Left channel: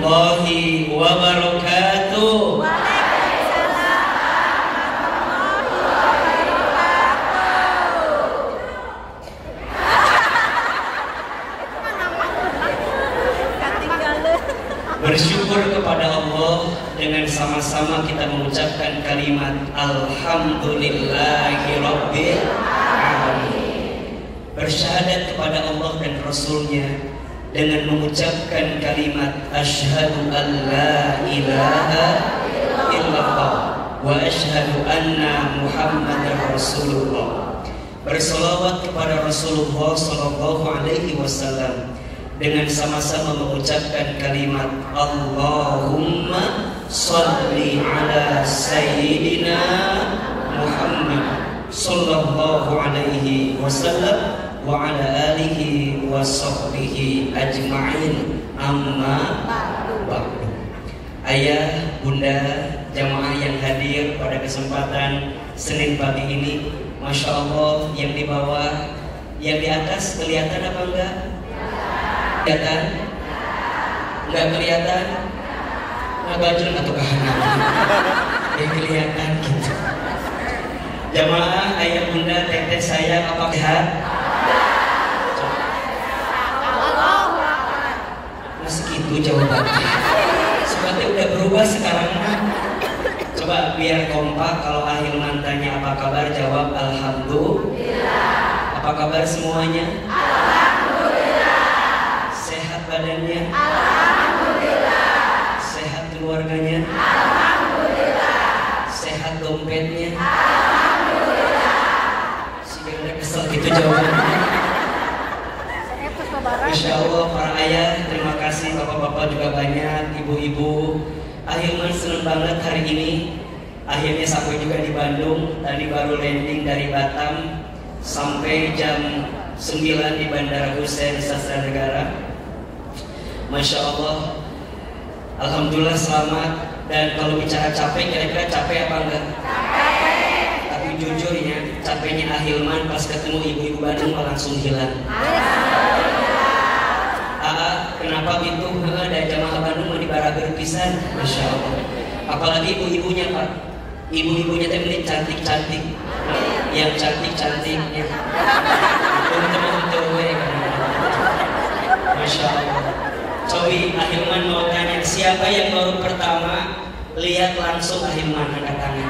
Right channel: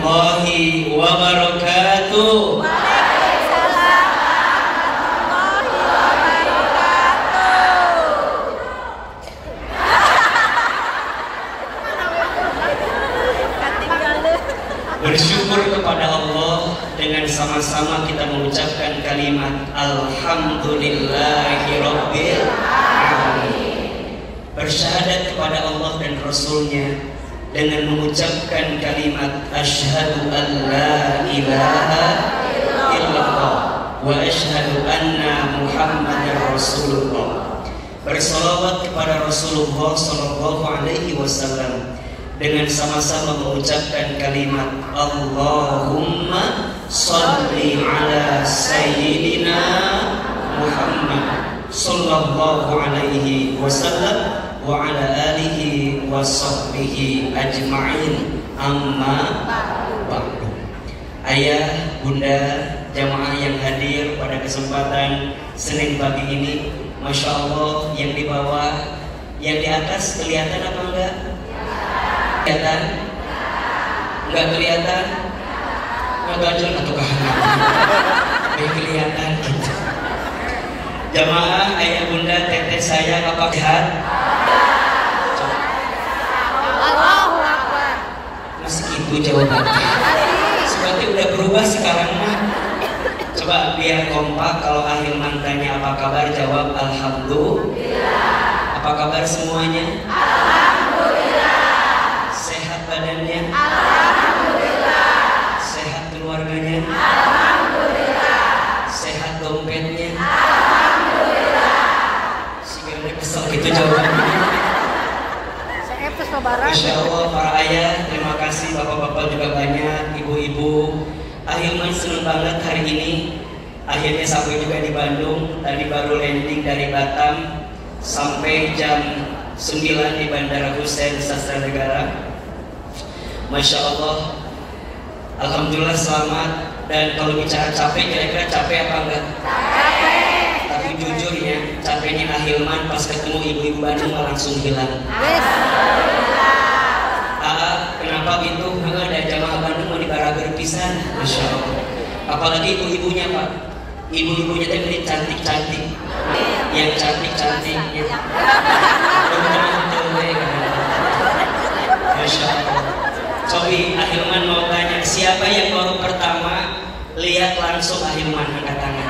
warahmatullahi wabarakatuh. Waalaikumsalam warahmatullahi wabarakatuh. Bersyukur kepada Allah dengan sama-sama kita mengucapkan kalimat Alhamdulillahirabbil alamin. Bersyahadat kepada Allah dan Rasulnya dengan mengucapkan kalimat asyhadu an la ilaha illallah wa asyhadu anna Muhammadar Rasulullah. Bersolawat kepada Rasulullah sallallahu alaihi wasallam dengan sama-sama mengucapkan kalimat Allahumma shalli ala sayyidina Muhammad sallallahu alaihi wasallam wa ala alihi wa sahbihi ajma'in, amma ba'du. Ayah, bunda, jamaah yang hadir pada kesempatan Senin pagi ini, Masya Allah, yang di bawah, yang di atas kelihatan apa enggak? Kelihatan? Enggak kelihatan? Baju atau kahanan? Kelihatan gitu. Jamaah, ayah, bunda, teteh saya, apa sehat? Segitu jawabannya. Seperti udah berubah sekarang mah. Coba biar kompak, kalau Ahilman tanya apa kabar, jawab alhamdulillah. Apa kabar semuanya? Alhamdulillah. Sehat badannya? Alhamdulillah. Sehat keluarganya? Alhamdulillah. Sehat dompetnya? Alhamdulillah. Sehingga udah kesel gitu jawabannya. Masya Allah, para ayah, terima kasih, bapak-bapak juga banyak, ibu-ibu. Ahilman senang banget hari ini. Akhirnya sampai juga di Bandung. Tadi baru landing dari Batam, sampai jam 9 di Bandara Hussein Sastra Negara. Masya Allah, alhamdulillah selamat. Dan kalau bicara capek, kira-kira capek apa enggak? Capek. Tapi jujur ya, capeknya Ahilman pas ketemu ibu-ibu Bandung langsung hilang. Kenapa gitu? Ada jamaah Bandung di barager pisan, Masya Allah. Apalagi ibu-ibunya Pak, ibu-ibunya teh beli cantik-cantik, yang cantik-cantik, ya. Masya Allah. Cobi, Ahilman mau tanya, siapa yang baru pertama lihat langsung Ahilman angkat tangan?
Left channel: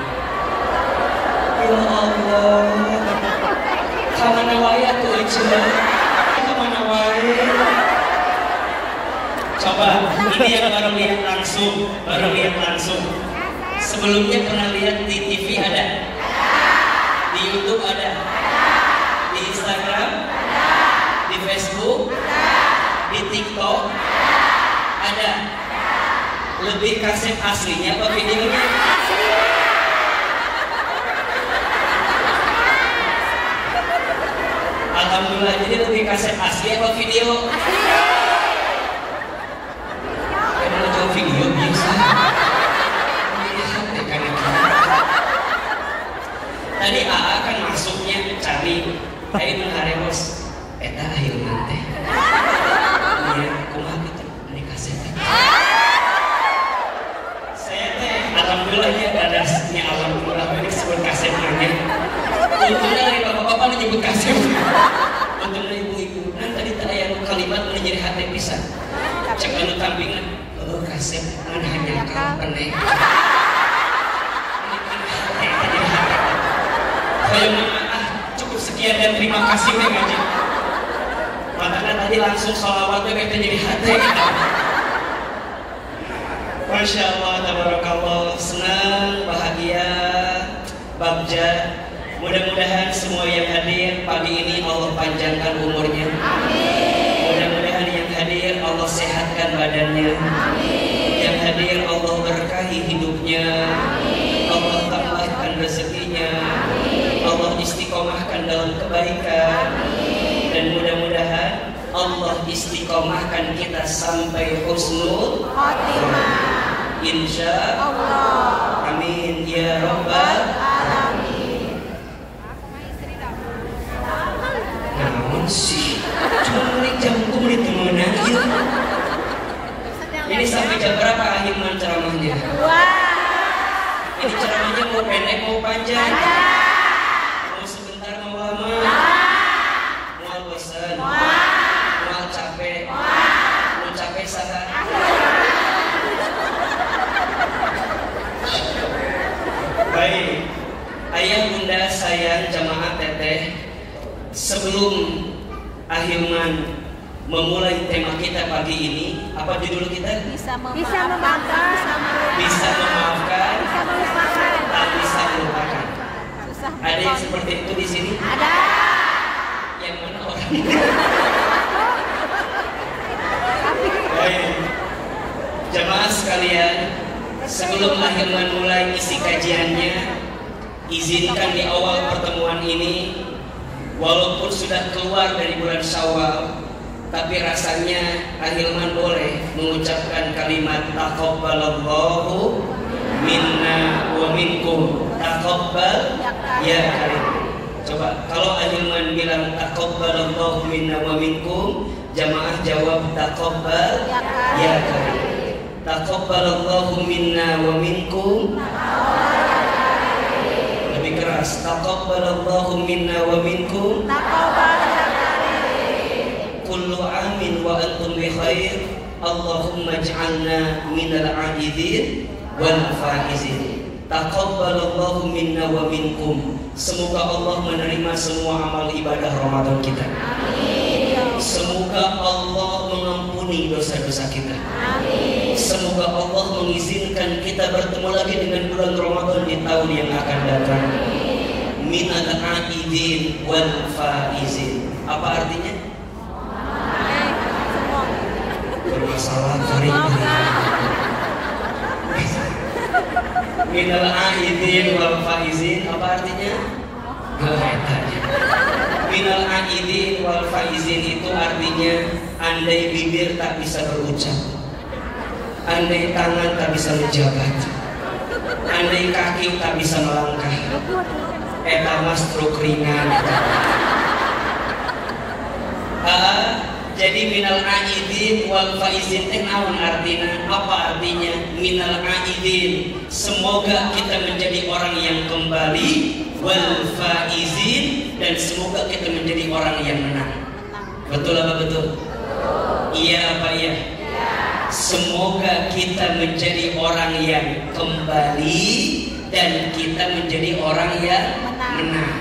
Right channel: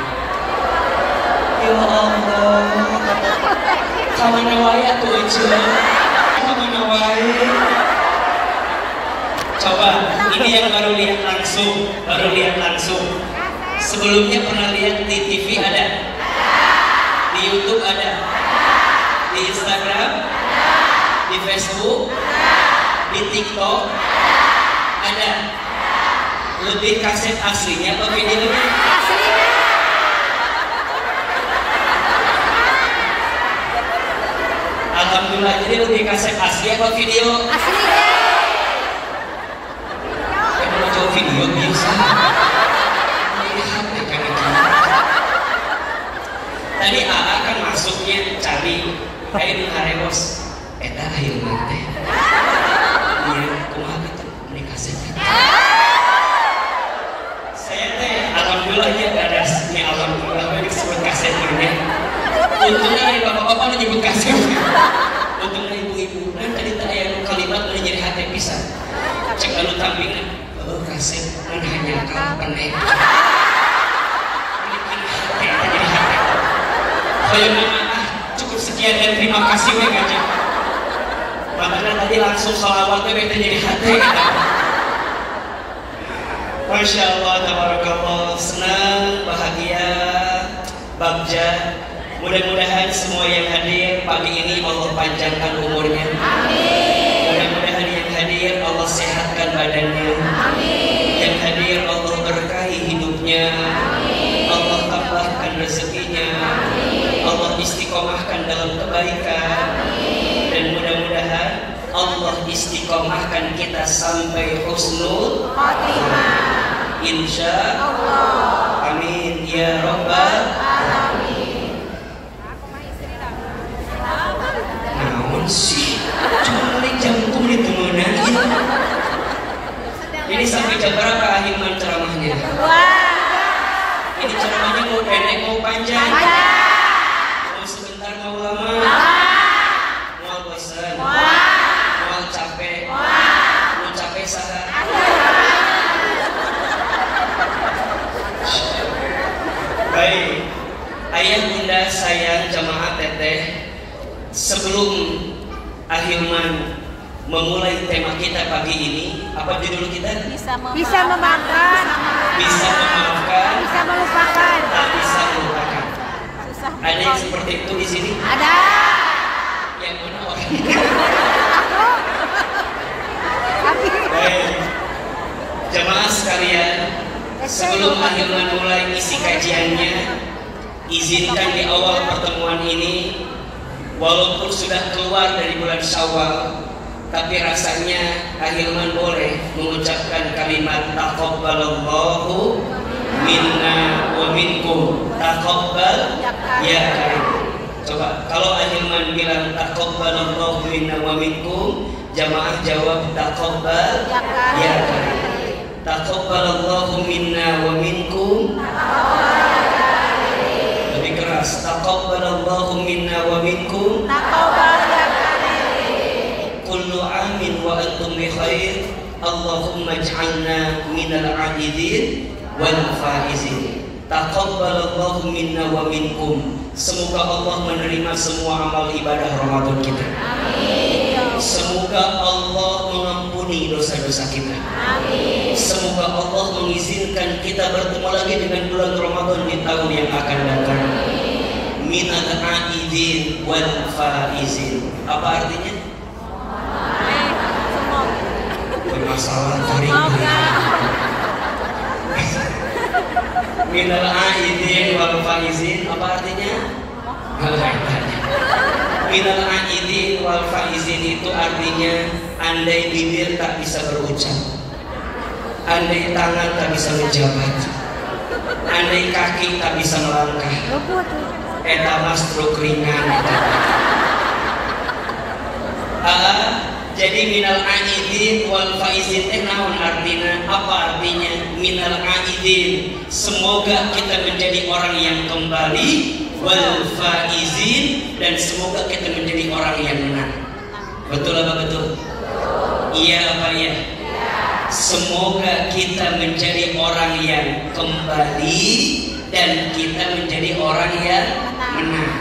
Ya Allah, kamana wae tuh aja, kamana wae. Coba, ini yang baru lihat langsung, Sebelumnya pernah lihat di TV ada? Di YouTube ada? Di Instagram? Di Facebook? Di TikTok? Ada? Lebih kaset aslinya atau videonya? Alhamdulillah, jadi lebih kaset asli atau video? Video biasa. Tadi AA kan masuknya cari kayak mengaremos eta Ahilman teh. Iya, kumaha kita ini kaset. Saya teh alhamdulillahnya ada aslinya, alhamdulillah ini disebut kaset ini. Untungnya dari bapak-bapak menyebut kaset. Untuk dari ibu-ibu kan tadi ada kalimat menjadi hati pisan. Cek anu tampingan. Kasih mana hanya kau penek. Cukup sekian dan terima kasih aja. Padahal tadi langsung salawat itu jadi hati. Masya Allah, tabarakallah, senang, bahagia, bagja. Mudah-mudahan semua yang hadir pagi ini Allah panjangkan umurnya. Amin. Mudah-mudahan yang hadir Allah sehatkan badannya. Amin. Yang hadir Allah berkahi hidupnya. Amin. Allah tambahkan rezekinya. Amin. Allah istiqomahkan dalam kebaikan. Amin. Dan mudah-mudahan Allah istiqomahkan kita sampai husnul khatimah. Insya Allah. Amin ya Rabbal alamin. Namun sih, cuma jantung ditemukan. Ini sampai jam Sebelum Ahilman memulai tema kita pagi ini, apa judul kita? Bisa memaafkan, Bisa memaafkan, bisa melupakan. dan bisa melupakan. Susah Ada yang seperti itu di sini? Ada. Yang mana orangnya? Baik. Jemaah sekalian, sebelum Ahilman mulai isi kajiannya, izinkan di awal pertemuan ini, walaupun sudah keluar dari bulan Syawal, tapi rasanya Ahilman boleh mengucapkan kalimat taqabbalallahu minna wa minkum. Taqabbal ya karim. Coba kalau Ahilman bilang taqabbalallahu minna wa minkum, jamaah jawab taqabbal ya karim. Taqabbalallahu minna wa minkum. Lebih keras. Taqabbalallahu minna wa minkum. Kullu amin wa antum bi khair. Allahumma ij'alna minal 'aidin wal faizin. Taqabbalallahu minna wa minkum. Semoga Allah menerima semua amal ibadah Ramadan kita. Amin. Semoga Allah mengampuni dosa-dosa kita. Amin. Semoga Allah mengizinkan kita bertemu lagi dengan bulan Ramadan di tahun yang akan datang. Minal 'aidin wal faizin. Apa artinya? Bermasalah Semoga. Minal 'aidin wal faizin. Apa artinya? Minal 'aidin wal faizin itu artinya andai bibir tak bisa berucap, andai tangan tak bisa menjabat, andai kaki tak bisa melangkah, eta mas truk ringan. Jadi minal 'aidin wal faizin teh naon artina? Apa artinya minal 'aidin? Semoga kita menjadi orang yang kembali, wal faizin, dan semoga kita menjadi orang yang menang. Betul apa betul? Iya apa ya? Semoga kita menjadi orang yang kembali dan kita menjadi orang yang menang.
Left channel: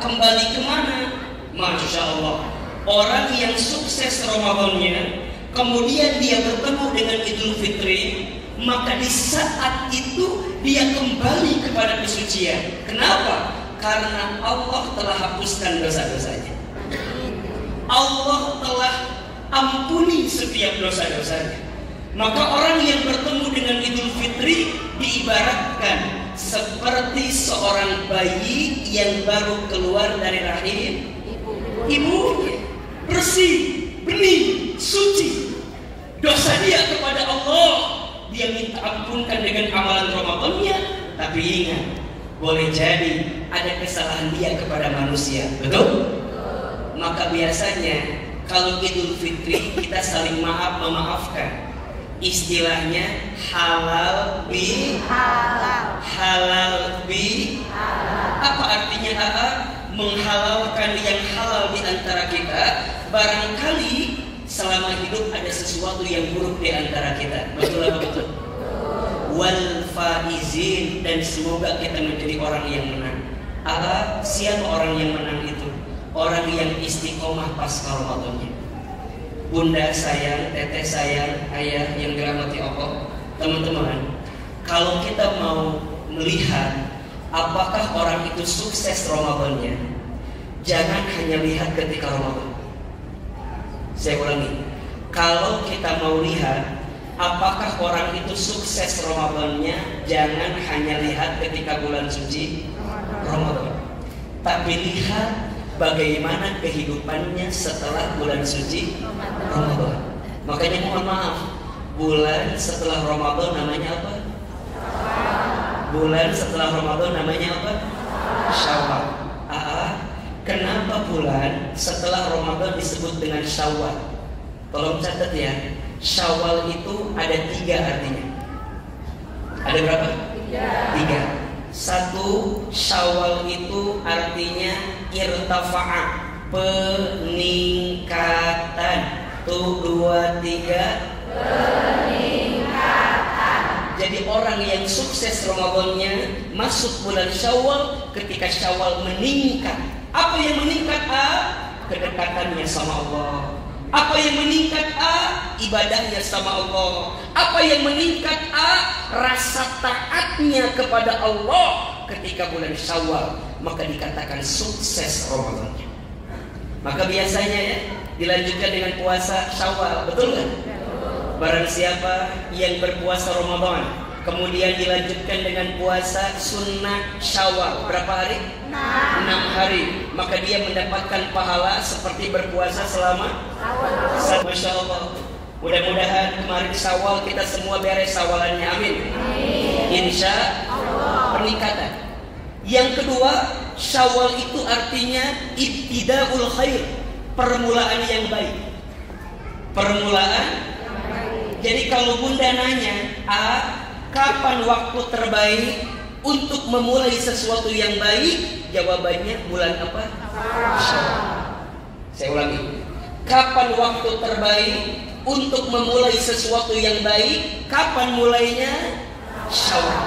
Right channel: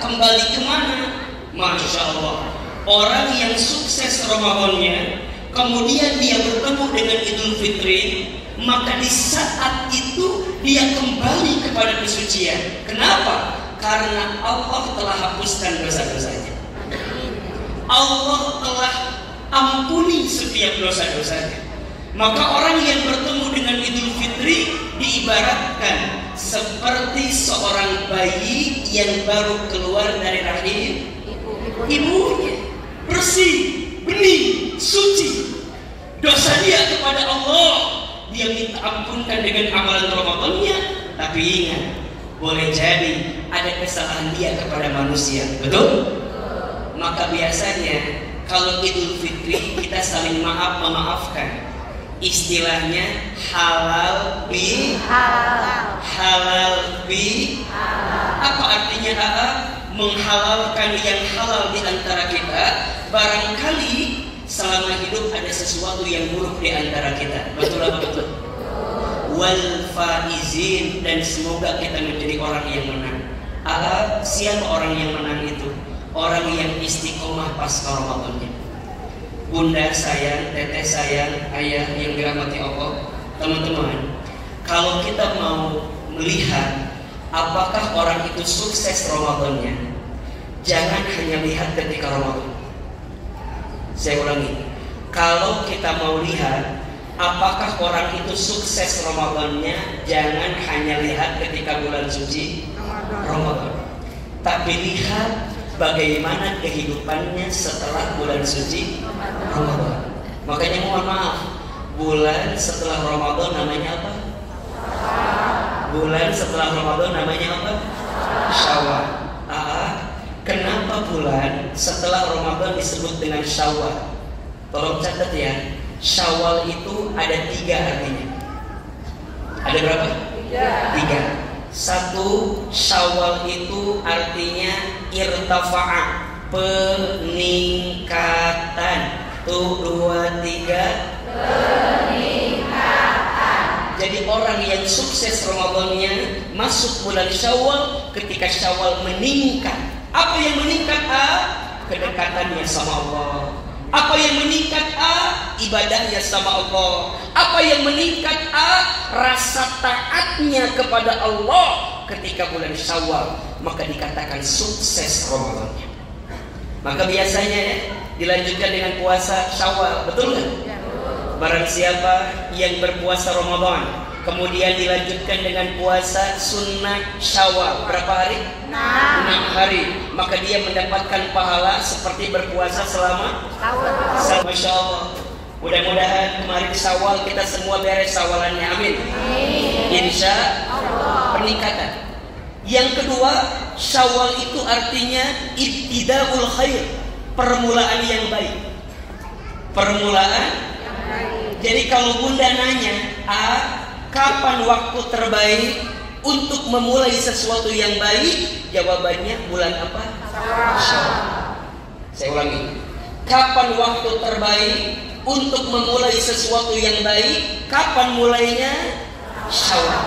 Kembali kemana? Masya Allah. Orang yang sukses Ramadannya, kemudian dia bertemu dengan Idul Fitri, maka di saat itu dia kembali kepada kesucian. Kenapa? Karena Allah telah hapuskan dosa-dosanya. Allah telah ampuni setiap dosa-dosanya. Maka orang yang bertemu dengan Idul Fitri diibaratkan seperti seorang bayi yang baru keluar dari rahim ibunya, bersih, bening, suci. Dosa dia kepada Allah dia minta ampunkan dengan amalan Ramadannya. Tapi ingat, boleh jadi ada kesalahan dia kepada manusia. Betul? Maka biasanya kalau Idul Fitri kita saling memaafkan. Istilahnya halal bi halal. Halal bi halal. Apa artinya menghalalkan yang halal di antara kita. Barangkali selama hidup ada sesuatu yang buruk di antara kita. Betul apa betul? Wal faizin, dan semoga kita menjadi orang yang menang. Siapa orang yang menang itu? Orang yang istiqomah pasca Ramadannya. Bunda sayang, teteh sayang, ayah yang dirahmati Allah, teman-teman, kalau kita mau melihat apakah orang itu sukses Ramadannya, jangan hanya lihat ketika Ramadan. Saya ulangi, kalau kita mau lihat apakah orang itu sukses Ramadannya, jangan hanya lihat ketika bulan suci Ramadan, tapi lihat bagaimana kehidupannya setelah bulan suci Ramadan. Makanya mohon maaf, bulan setelah Ramadan namanya apa? Bulan setelah Ramadan namanya apa? Syawal. Kenapa bulan setelah Ramadan disebut dengan Syawal? Tolong catat ya, Syawal itu ada 3 artinya. Ada berapa? 3. 1, Syawal itu artinya irtafa'a, peningkatan. 2, 3, peningkatan. Jadi orang yang sukses Ramadannya masuk bulan Syawal ketika Syawal meningkat. Apa yang meningkat A? Kedekatannya sama Allah. Apa yang meningkat A? Ibadahnya sama Allah. Apa yang meningkat A? Rasa taatnya kepada Allah ketika bulan Syawal. Maka dikatakan sukses Ramadannya. Maka biasanya ya dilanjutkan dengan puasa Syawal, betul nggak? Barang siapa yang berpuasa Ramadan kemudian dilanjutkan dengan puasa sunnah Syawal, berapa hari? 6 hari. Maka dia mendapatkan pahala seperti berpuasa selama Masya Allah. Mudah-mudahan kemarin Syawal kita semua beres Syawalannya, amin. Insya Allah. Peningkatan. Yang kedua, Syawal itu artinya ibtidaul khair, permulaan yang baik. Permulaan yang baik. Jadi kalau Bunda nanya, kapan waktu terbaik untuk memulai sesuatu yang baik? Jawabannya bulan apa? Syawal. Saya ulangi. Kapan waktu terbaik untuk memulai sesuatu yang baik? Kapan mulainya? Syawal.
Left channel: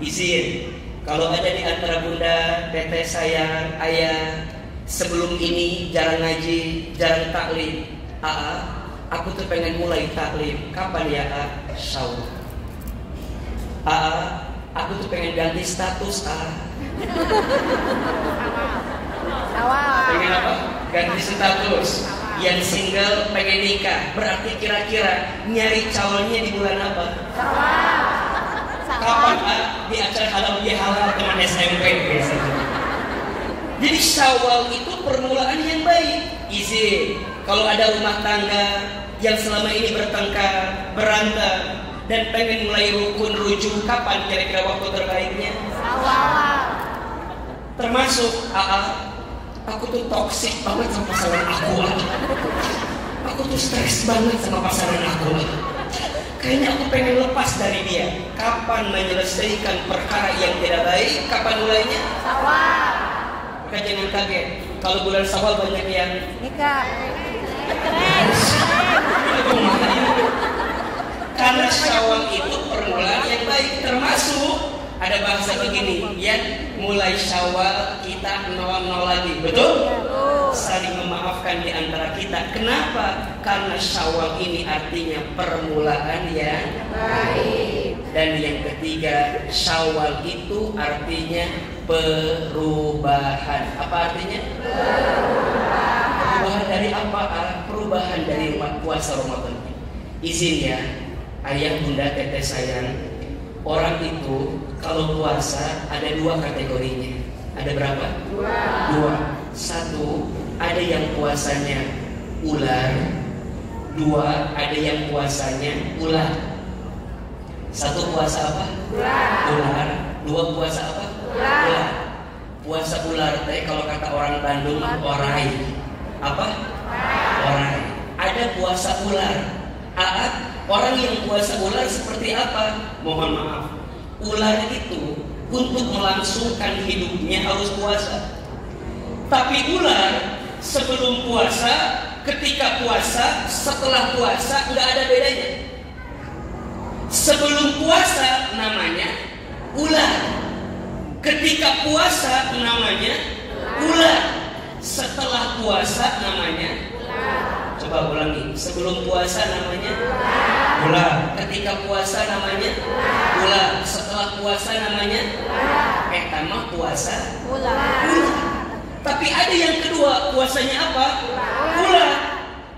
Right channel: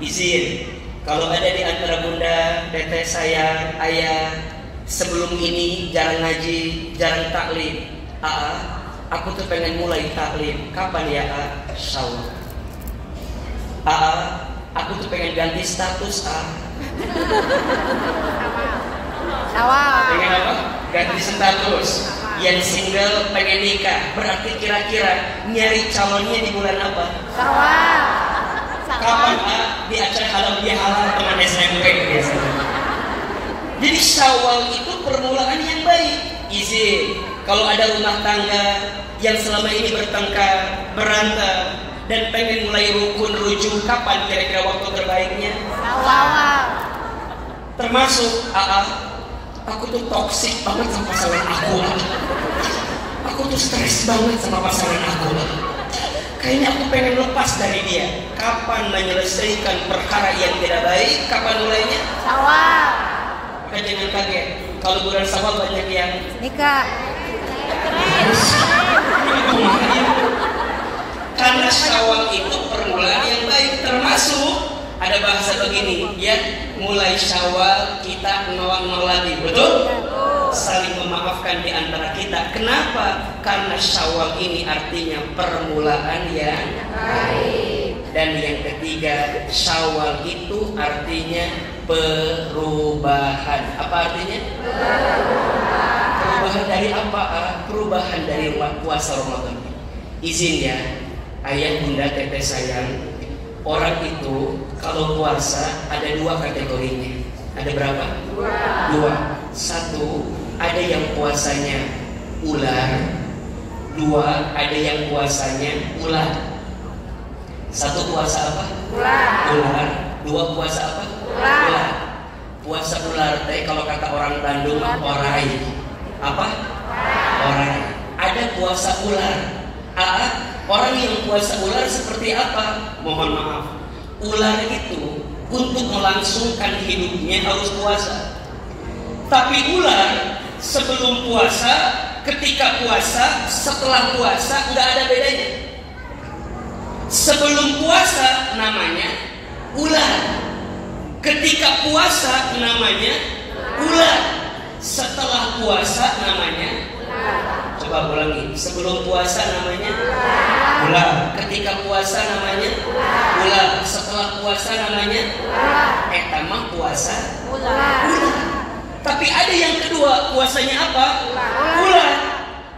Izin. Kalau ada di antara Bunda, Teteh sayang, Ayah, sebelum ini jarang ngaji, jarang taklim. Aku tuh pengen mulai taklim. Kapan ya, Syawal. Aku tuh pengen ganti status, Pengen apa? Ganti status. Yang single pengen nikah. Berarti kira-kira nyari calonnya di bulan apa? Kapan di acara halal bihalal teman SMP biasanya. Jadi Syawal itu permulaan yang baik. Izin, kalau ada rumah tangga yang selama ini bertengkar, berantem, dan pengen mulai rukun rujuk, kapan kira-kira waktu terbaiknya? Syawal. Termasuk aku tuh toksik banget sama pasangan aku. Aku tuh stres banget sama pasangan aku. Kayaknya aku pengen lepas dari dia. Kapan menyelesaikan perkara yang tidak baik? Kapan mulainya? Syawal. Maka jangan kaget kalau bulan Syawal banyak yang nikah. Keren. Karena Syawal itu permulaan yang baik. Termasuk ada bahasa begini, ya, mulai Syawal kita nol lagi, betul? Saling memaafkan di antara kita. Kenapa? Karena Syawal ini artinya permulaan yang baik. Dan yang ketiga, Syawal itu artinya perubahan. Apa artinya? Perubahan dari apa? Perubahan dari puasa Ramadan. Izin ya, Ayah, Bunda, Teteh sayang, orang itu kalau puasa ada 2 kategorinya. Ada berapa? 2. 1, ada yang puasanya ular. 2, ada yang puasanya ular. 1 puasa apa? Ular. 2 puasa apa? Ular. Puasa ular kalau kata orang Bandung orai. Apa? Orai. Ada puasa ular. Orang yang puasa ular seperti apa? Mohon maaf. Ular itu untuk melangsungkan hidupnya harus puasa. Tapi ular sebelum puasa, ketika puasa, setelah puasa nggak ada bedanya. Sebelum puasa namanya ular. Ketika puasa namanya ular. Setelah puasa namanya coba ulangi. Sebelum puasa namanya ular. Ketika puasa namanya ular. Setelah puasa namanya mah puasa ular. Tapi ada yang kedua, puasanya apa? Ular.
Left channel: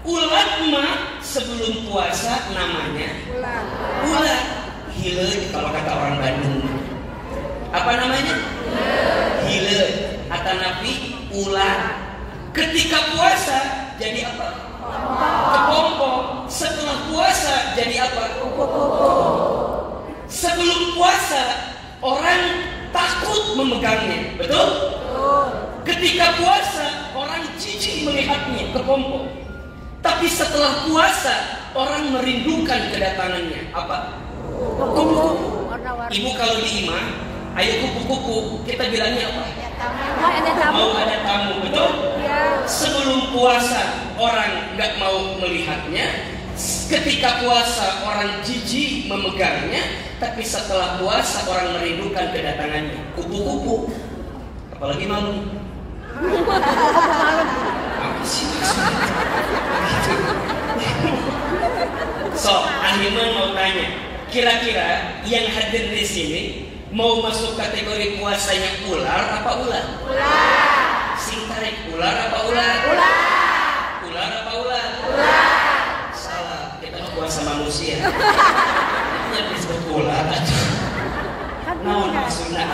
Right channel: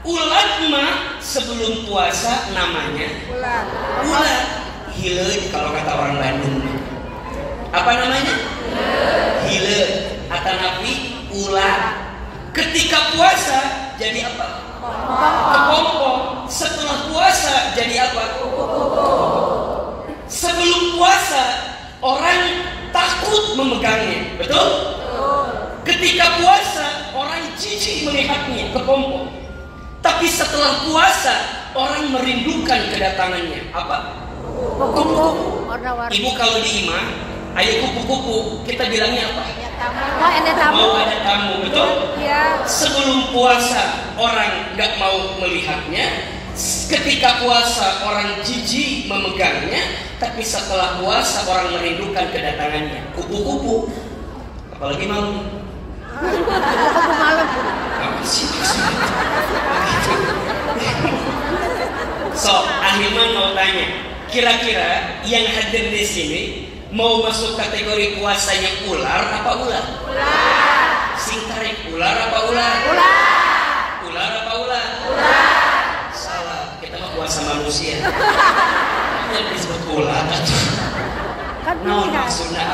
Ular mah sebelum puasa namanya ular. Hileud kalau kata orang Bandung. Apa namanya? Hileud. Atanapi ular. Ketika puasa jadi apa? Kepompong. Setelah puasa jadi apa? Sebelum puasa orang takut memegangnya, betul? Ketika puasa orang jijik melihatnya, kepompong. Tapi setelah puasa orang merindukan kedatangannya. Apa? Kupu-kupu. Ibu kalau di imah, ayo kupu-kupu, kita bilangnya apa? Mau ada tamu, betul? Sebelum puasa orang nggak mau melihatnya. Ketika puasa orang jijik memegangnya. Tapi setelah puasa orang merindukan kedatangannya. Kupu-kupu. Apalagi malam. Apa sih maksudnya? So, Ahilman mau tanya, kira-kira yang hadir di sini mau masuk kategori puasanya ular apa ular? Ular. Sing tarik ular apa ular? Ular. Ular apa ular? Ular. Salah, kita mah puasa manusia. Yang disebut ular. Nah, maksudnya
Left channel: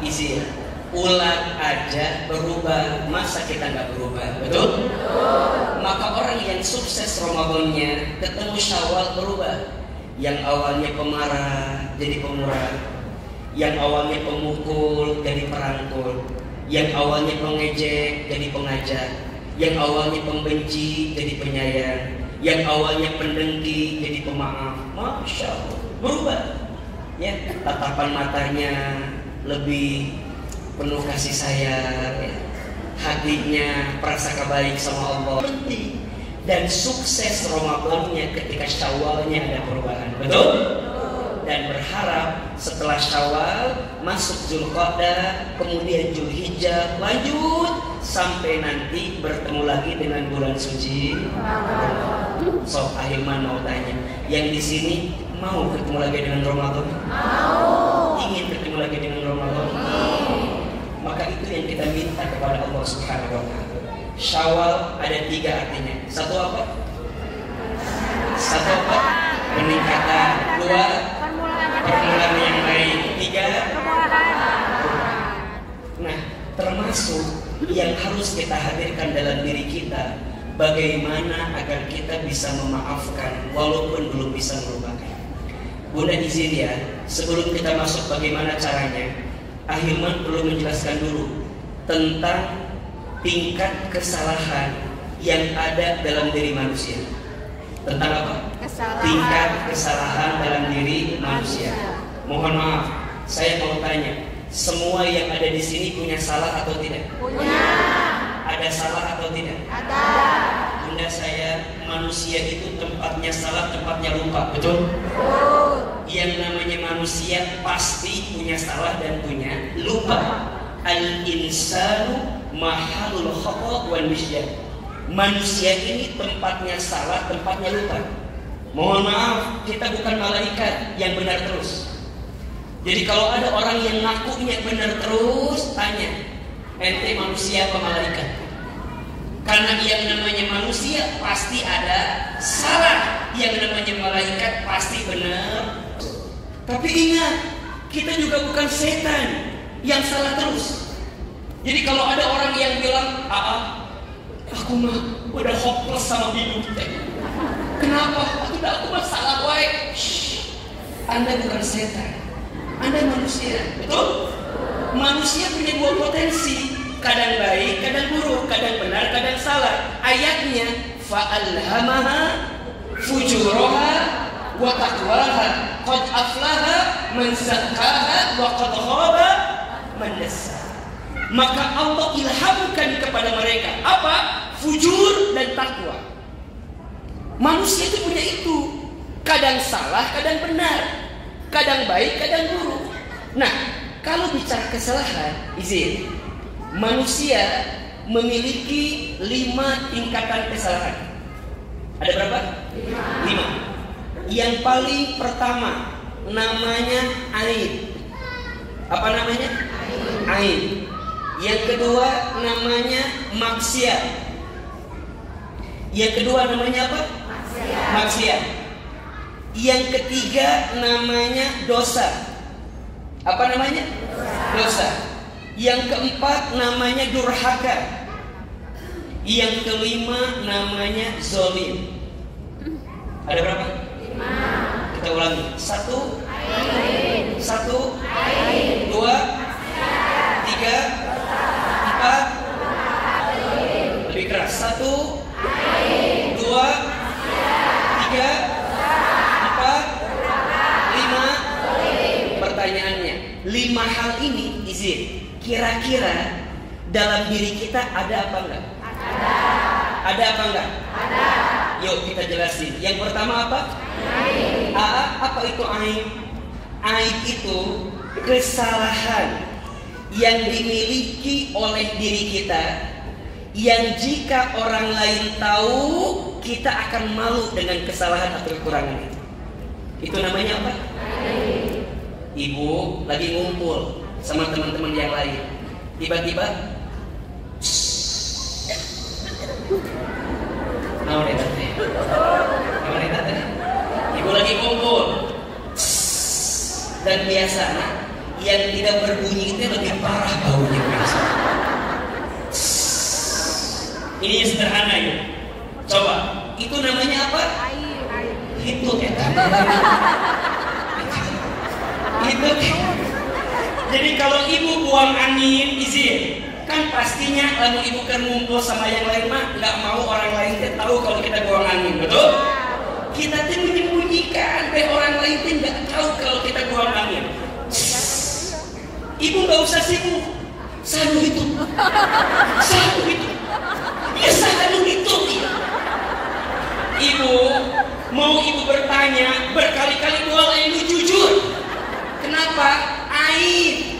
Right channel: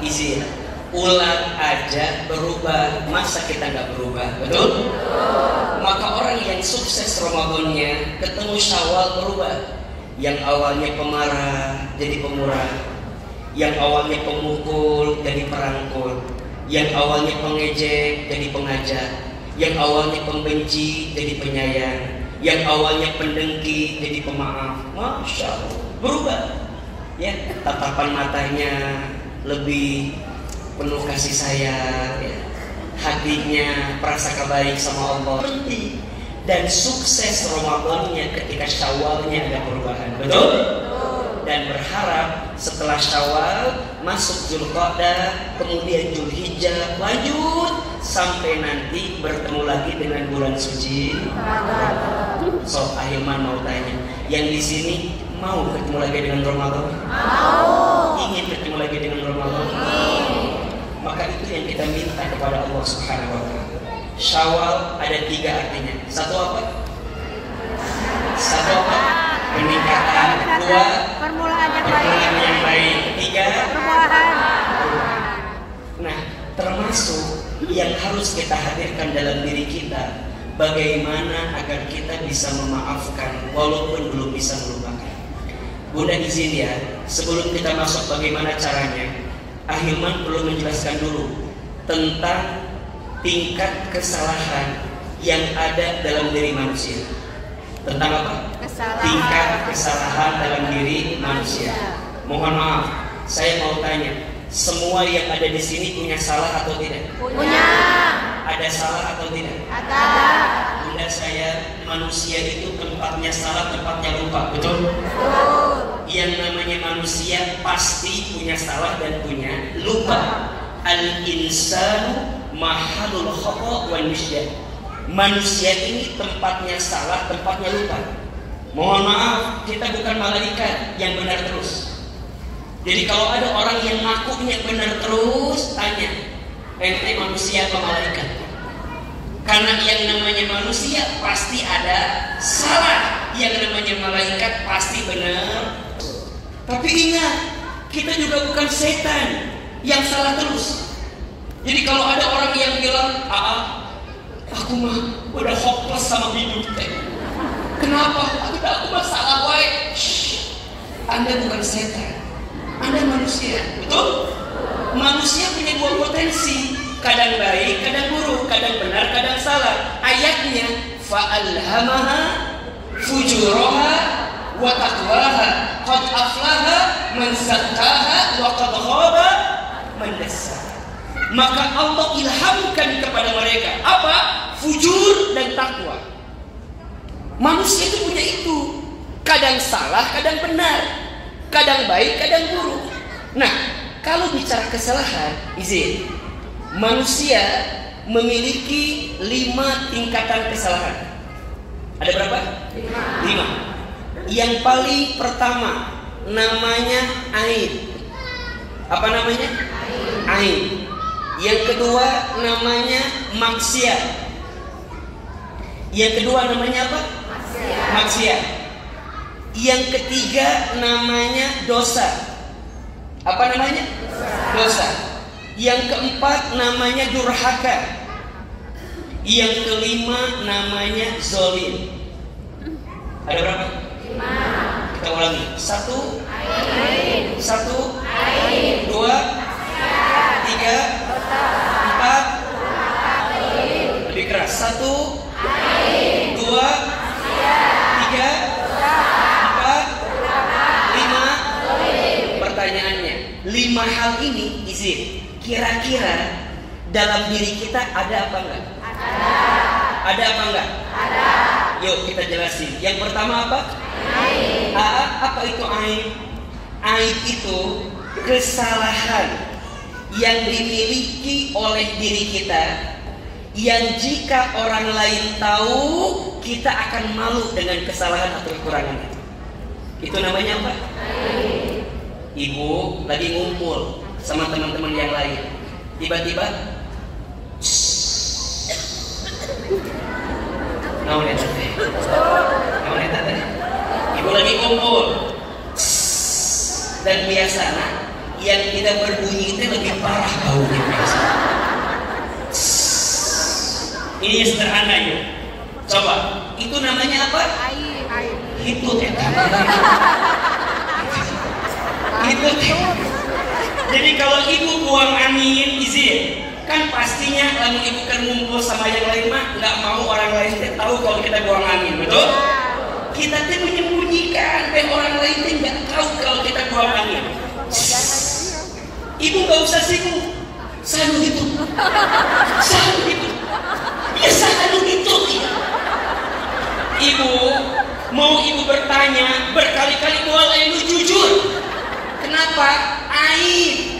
izin. Ular aja berubah, masa kita nggak berubah, betul? Maka orang yang sukses Ramadannya ketemu Syawal berubah. Yang awalnya pemarah jadi pemurah, yang awalnya pemukul jadi perangkul, yang awalnya pengejek jadi pengajar, yang awalnya pembenci jadi penyayang, yang awalnya pendengki jadi pemaaf. Masya Allah, berubah. Ya, tatapan matanya lebih penuh kasih sayang, ya. Hatinya prasangka baik sama Allah. Penting. Dan sukses Ramadannya ketika Syawalnya ada perubahan, betul? Dan berharap setelah Syawal masuk Dzulqa'dah, kemudian Dzulhijjah, lanjut sampai nanti bertemu lagi dengan bulan suci. So, Ahilman mau tanya, yang di sini mau ketemu lagi dengan Ramadan? Mau. Ingin ketemu lagi dengan Ramadan? Maka itu yang kita minta kepada Allah Subhanahu wa Ta'ala. Syawal ada 3 artinya. Satu apa? Satu apa? Peningkatan. 2, permulaan yang baik. 3, nah, termasuk yang harus kita hadirkan dalam diri kita, bagaimana agar kita bisa memaafkan walaupun belum bisa melupakan. Bunda izin ya, sebelum kita masuk bagaimana caranya, Ahilman perlu menjelaskan dulu tentang tingkat kesalahan yang ada dalam diri manusia. Tentang apa? Kesalahan. Tingkat kesalahan dalam diri manusia. Mohon maaf, saya mau tanya, semua yang ada di sini punya salah atau tidak? Punya. Ada salah atau tidak? Ada. Bunda, saya manusia itu tempatnya salah, tempatnya lupa, betul? Betul. Yang namanya manusia pasti punya salah dan punya lupa. Al-insanu mahalul khata' wal nisyan. Manusia ini tempatnya salah, tempatnya lupa. Mohon maaf, kita bukan malaikat yang benar terus. Jadi kalau ada orang yang ngakunya benar terus, tanya, ente manusia atau malaikat? Karena yang namanya manusia pasti ada salah, yang namanya malaikat pasti benar. Tapi ingat, kita juga bukan setan yang salah terus. Jadi kalau ada orang yang bilang, aku mah udah hopeless sama hidup teh. Kenapa? Aku mah salah wae. Anda bukan setan, Anda manusia, betul? Manusia punya 2 potensi, kadang baik, kadang buruk, kadang benar, kadang salah. Ayatnya, fa'alhamaha fujuraha wa taqwaha, qad aflaha man zakkaha wa qad khaba man dassaha. Maka Allah ilhamkan kepada mereka apa? Fujur dan takwa. Manusia itu punya itu. Kadang salah, kadang benar. Kadang baik, kadang buruk. Nah, kalau bicara kesalahan, izin. Manusia memiliki 5 tingkatan kesalahan. Ada berapa? 5. Yang paling pertama namanya aib. Apa namanya? Aib. Yang kedua namanya maksiat. Yang kedua namanya apa? Maksiat. Yang ketiga namanya dosa. Apa namanya? Dosa. Yang keempat namanya durhaka. Yang kelima namanya zolim. Ada berapa? 5. Kita ulangi. 1 aib. 1 aib. 2 3 4 lebih keras. 1 2 3 4 5 Pertanyaannya, 5 hal ini izin, kira-kira dalam diri kita ada apa enggak? Ada apa enggak? Ada. Yuk kita jelasin. Yang pertama apa? Aib. Apa itu aib? Aib itu kesalahan yang dimiliki oleh diri kita, yang jika orang lain tahu kita akan malu dengan kesalahan atau kekurangan itu. Itu namanya apa? Ibu lagi ngumpul sama teman-teman yang lain, tiba-tiba ibu lagi ngumpul dan biasanya yang tidak berbunyi itu lebih parah baunya. Ini yang sederhana itu. Coba, itu namanya apa? Itu ya. Itu. Jadi kalau ibu buang angin izin, kan pastinya kalau ibu kan ngumpul sama yang lain mah nggak mau orang lain tahu kalau kita buang angin, betul? Kita tuh menyembunyikan, biar orang lain tuh nggak tahu kalau kita buang angin. Ibu nggak usah sibuk, selalu itu, selalu itu, ya selalu itu. Ibu mau ibu bertanya berkali-kali buang air lu jujur. Kenapa? Air.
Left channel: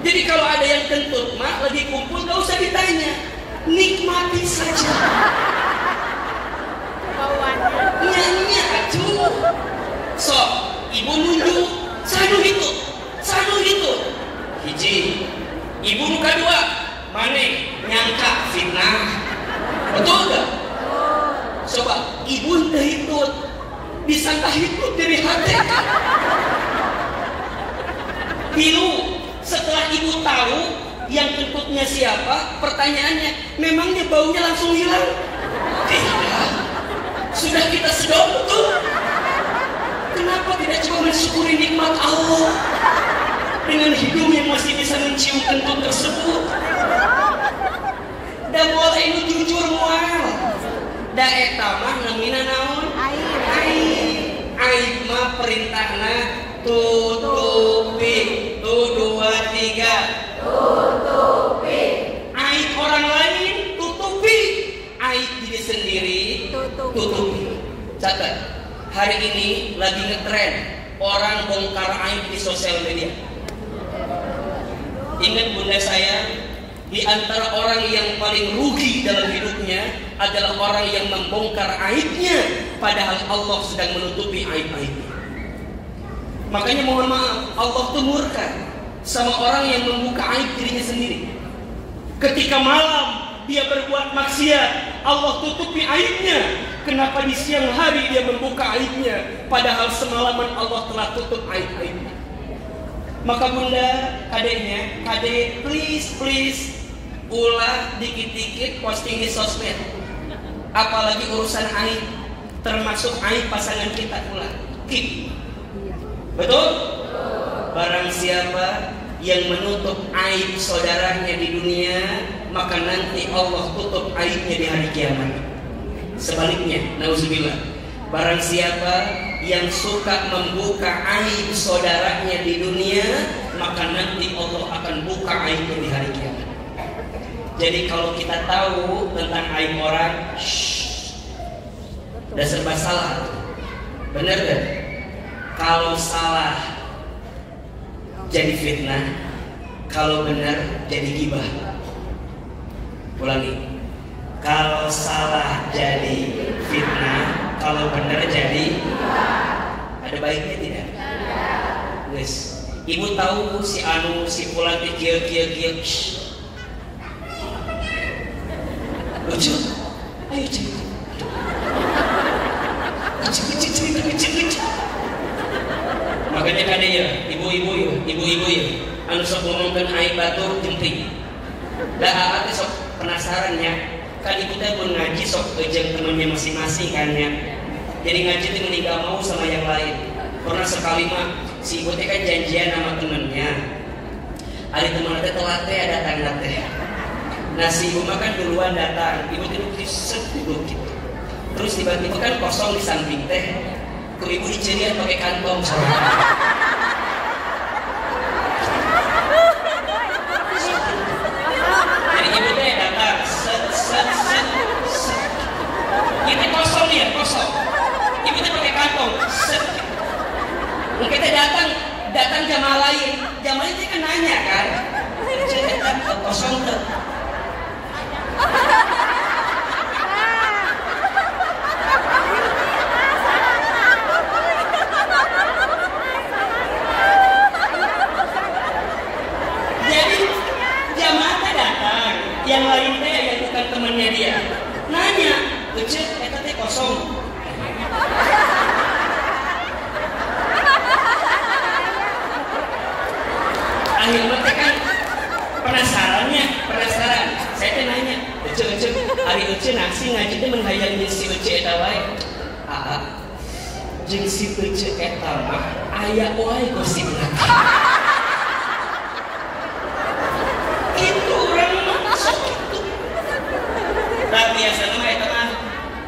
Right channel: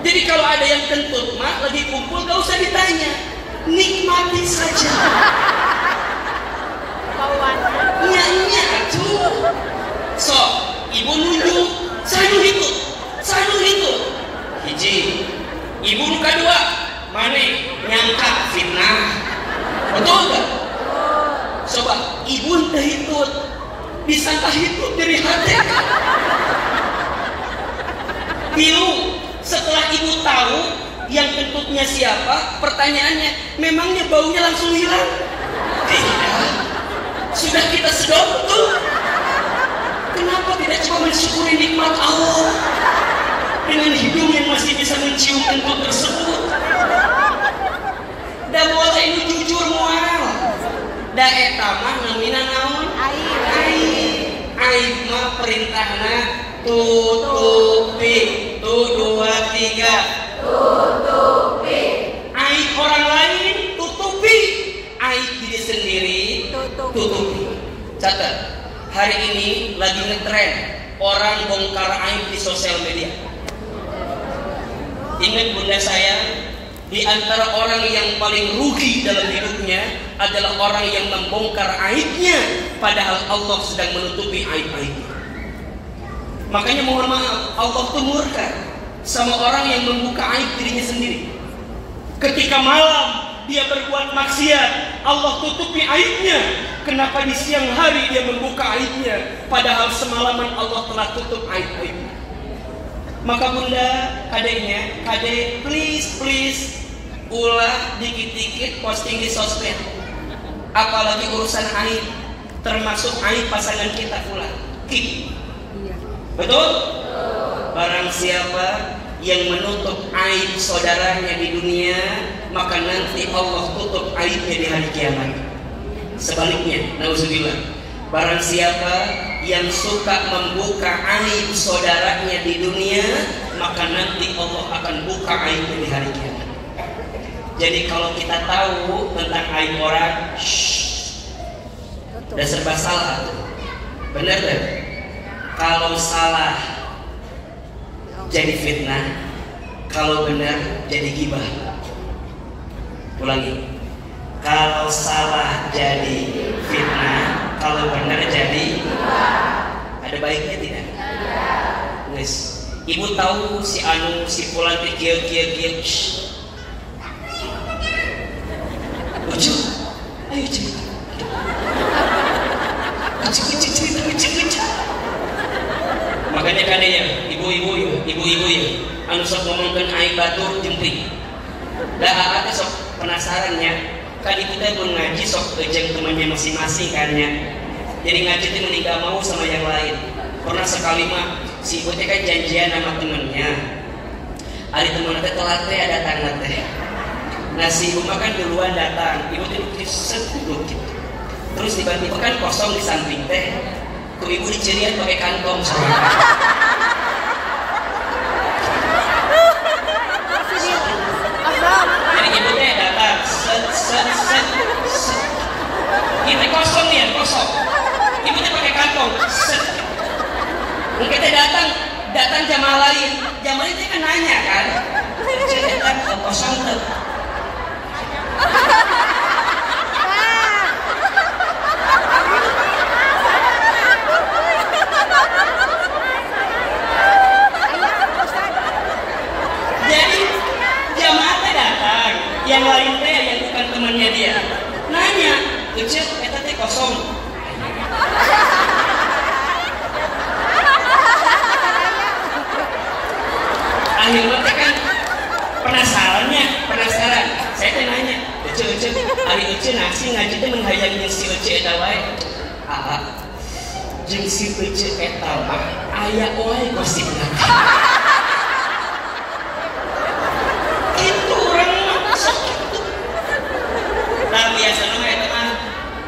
Jadi kalau ada yang kentut mah lagi kumpul gak usah ditanya, nikmati saja. Nyanyi tuh. So, ibu nunjuk, selalu itu, selalu itu. Hiji, ibu muka dua, mana nyangka fitnah, betul gak? Coba ibu entah itu, disangka itu dari hati. Ibu setelah ibu tahu yang kentutnya siapa, pertanyaannya, memangnya baunya langsung hilang? Tidak. Sudah kita sedot betul. Kenapa tidak coba mensyukuri nikmat Allah dengan hidung yang masih bisa mencium kentut tersebut? Dan mulai ini jujur mual. Da eta mah namina naon? Air. Air mah perintahna tutupi. 1, 2, 3. Tutupi. Aib orang lain tutupi. Aib diri sendiri tutupi. Catat. Hari ini lagi ngetren orang bongkar aib di sosial media. Ingat bunda saya, di antara orang yang paling rugi dalam hidupnya adalah orang yang membongkar aibnya padahal Allah sedang menutupi aib-aibnya. Makanya mohon maaf, Allah tuh murka sama orang yang membuka aib dirinya sendiri. Ketika malam dia berbuat maksiat, Allah tutupi aibnya. Kenapa di siang hari dia membuka aibnya padahal semalaman Allah telah tutup aib-aibnya? Maka bunda, kadeknya, kadek please ulah dikit-dikit posting di sosmed. Apalagi urusan aib, termasuk aib pasangan kita ulah. Betul? Barang siapa yang menutup aib saudaranya di dunia, maka nanti Allah tutup aibnya di hari kiamat. Sebaliknya, nauzubillah, barang siapa yang suka membuka aib saudaranya di dunia, maka nanti Allah akan buka aibnya di hari kiamat. Jadi kalau kita tahu tentang aib orang, udah serba salah. Benar kan? Kalau salah jadi fitnah, kalau benar jadi gibah. Ulangi. Kalau salah jadi fitnah, kalau benar jadi gibah. Ada baiknya tidak? Guys, ibu tahu si anu si pulang kieu. Lucu. Ayo cerita. Lucu. Makanya kade ya, ibu-ibu ya, anu sok ngomongkeun aib batur jempring. Da aat sok penasarannya, kan ibu teh mun ngaji sok jeung temannya masing-masing kan ya. Jadi ngaji teh mending gak mau sama yang lain. Pernah sekali mah si ibu teh kan janjian sama temennya. Ari temenna teh telat teh datang teh. Nah si ibu mah kan duluan datang, ibu teh duduk gitu. Terus tiba-tiba kan kosong di samping teh. Ku ibu dicerian pakai kantong. Jadi ibu teh datang, set. Ini kosong nih, kosong. Ibu teh pakai kantong, set. Mungkin teh datang datang jamaah lain, jamaah itu kan nanya kan, cerita kosong tuh. Jadi jamaah datang, yang lain teh yang bukan temannya dia, nanya, ucap eta teh kosong. Akhirnya kan penasaran. Saya teh nanya, ucap hari ucap nasi ngaji teh menghayang si ucap eta wae. Jeung si ucap eta mah aya wae gosipna. Itu urang mah. Lah biasa mah eta mah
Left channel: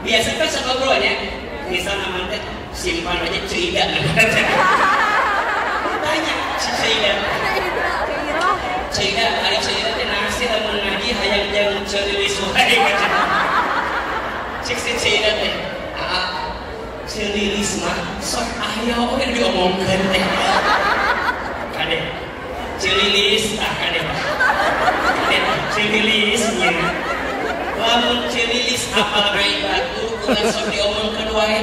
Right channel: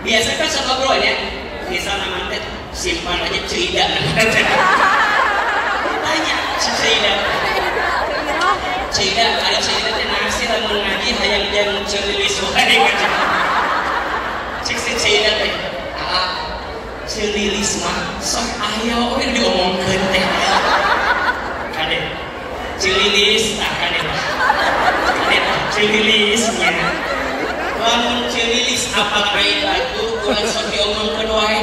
biasa kan sok ngobrolnya. Misal nama teh simpan aja cerita. Tanya si cerita. Cerita teh nasi lamun ngaji hayang jeung cerilis wae macam. Cek cerita teh. Cerilis mah sok aya we diomongkeun teh. Kade. Cerilis tah kade. Cerilisnya. Lamun cerilis apal ai batu urang sok diomongkeun wae.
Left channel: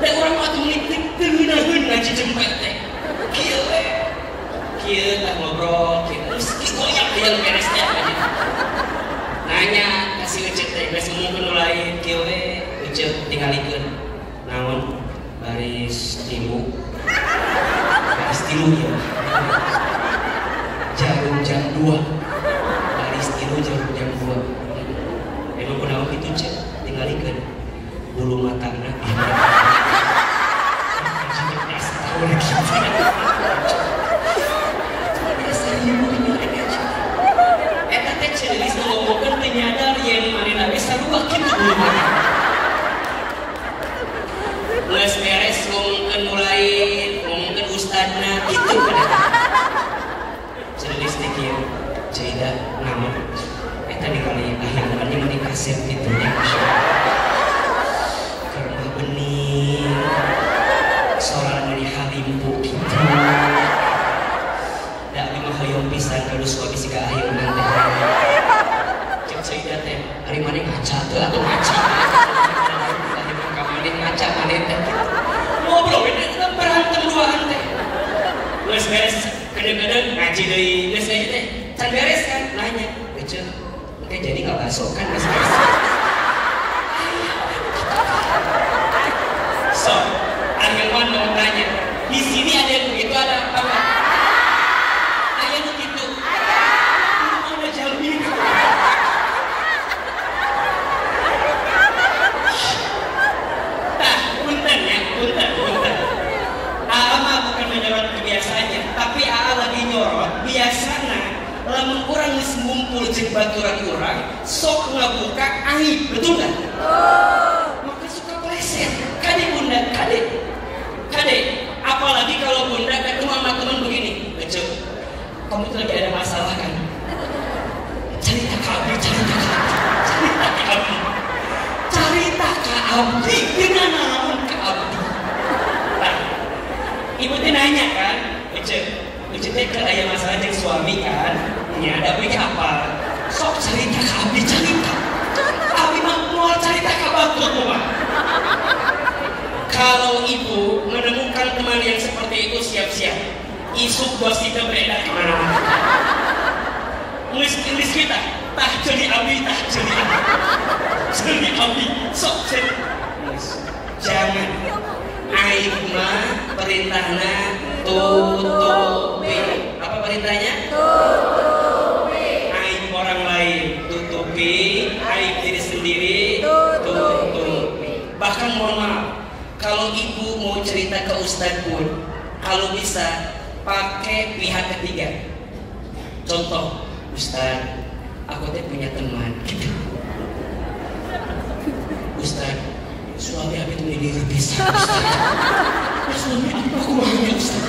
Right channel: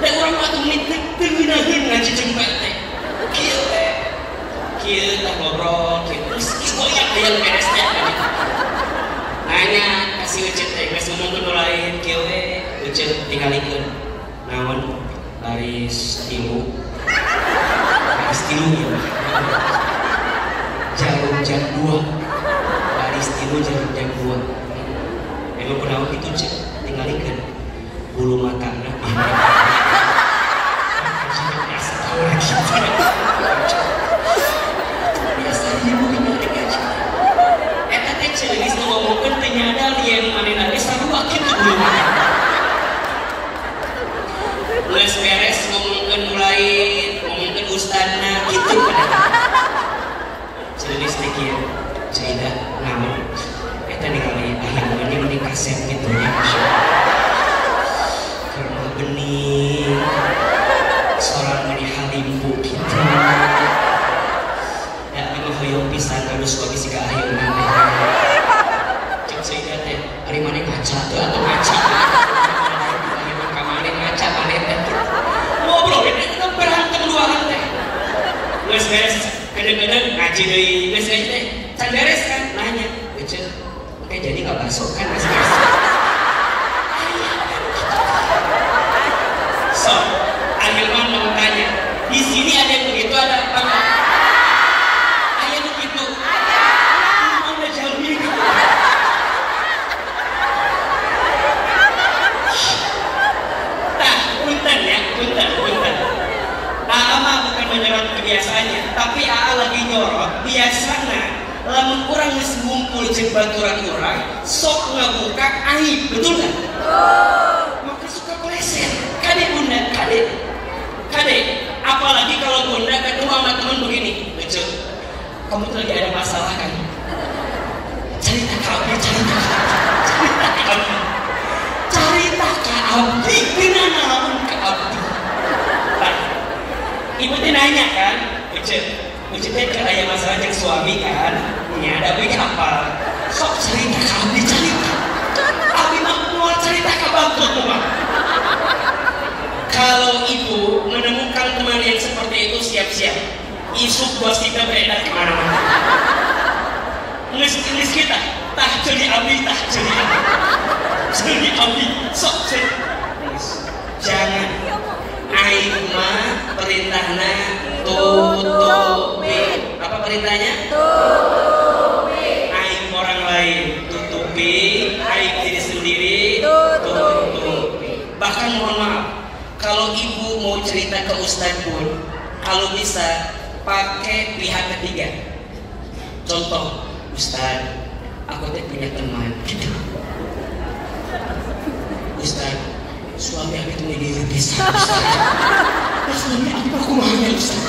Da urang atuh menitik teunaheun ngaji cempet teh. Kieu teh. Kieu tah ngobrol kieu terus istilahnya hayang beres teh gitu. Nanya kasih ucap teh geus ngomongkeun lain kieu we ucap tingalikeun. Namun baris tilu ya jarum jam 2 baris tilu jarum jam 2 emang kenapa gitu cek tinggalikan bulu matana biasa ibu tinggalin aja eta teh celis ngomongkeun teh nyadar yen manehna ge sarua kitu bulu mata. Geus beres ngomongkeun ustadna gitu. Ceris teh kieu, cerita naon eta ningali akhir mandi meni kaset kitu nya. Karena bening soal meni halimpu kitu. Da mah hoyong pisan terus bagi siga akhir mandi. Cek cerita teh ari mane ngaca teh atuh ngaca. Ngaca maneh teh ngobrol itu berantem luaran teh. Geus beres kadang-kadang ngaji deui geus ngaji teh can beres kan nanya ucap oke jadi enggak masuk kan geus beres. So, Ayeman mau tanya, di sini ada yang begitu ada apa enggak? Ada yang begitu? Ada. Ada jamin. Punten. Ama bukan menyorot kebiasaannya, tapi Aa lagi nyorot biasana lamun urang geus ngumpul jeung baturan urang sok ngabuka aib, betul enggak? Maka suka pleset. Kade bunda, kade. Apalagi kalau bunda ketemu sama teman begini, betul. Kamu tuh lagi ada masalah kan? Cerita ke abdi. Dengan naon ke abdi. Ibu teh nanya kan, ucap teh ke aya masalah jeung suami kan, nya ada beuki apa? Sok cerita ka abdi cerita. Abdi mah moal cerita ka batur mah. Kalau ibu menemukan teman yang seperti itu siap-siap. Isuk gosipnya beredar kemana-mana. Ngelis kita, tah jadi abdi. Jadi abdi, sok cerita. Jangan. Aib mah perintahna tutupi. Apa perintahnya? Tutupi. Aib orang lain tutupi, aib diri sendiri tutupi. Bahkan mohon maaf, kalau ibu mau cerita ke ustadz pun, kalau bisa pakai pihak ketiga. Contoh, ustadz, aku teh punya teman. Gitu. Ustadz, suami aku itu menjadi bisa. Suami aku mau Ustaz.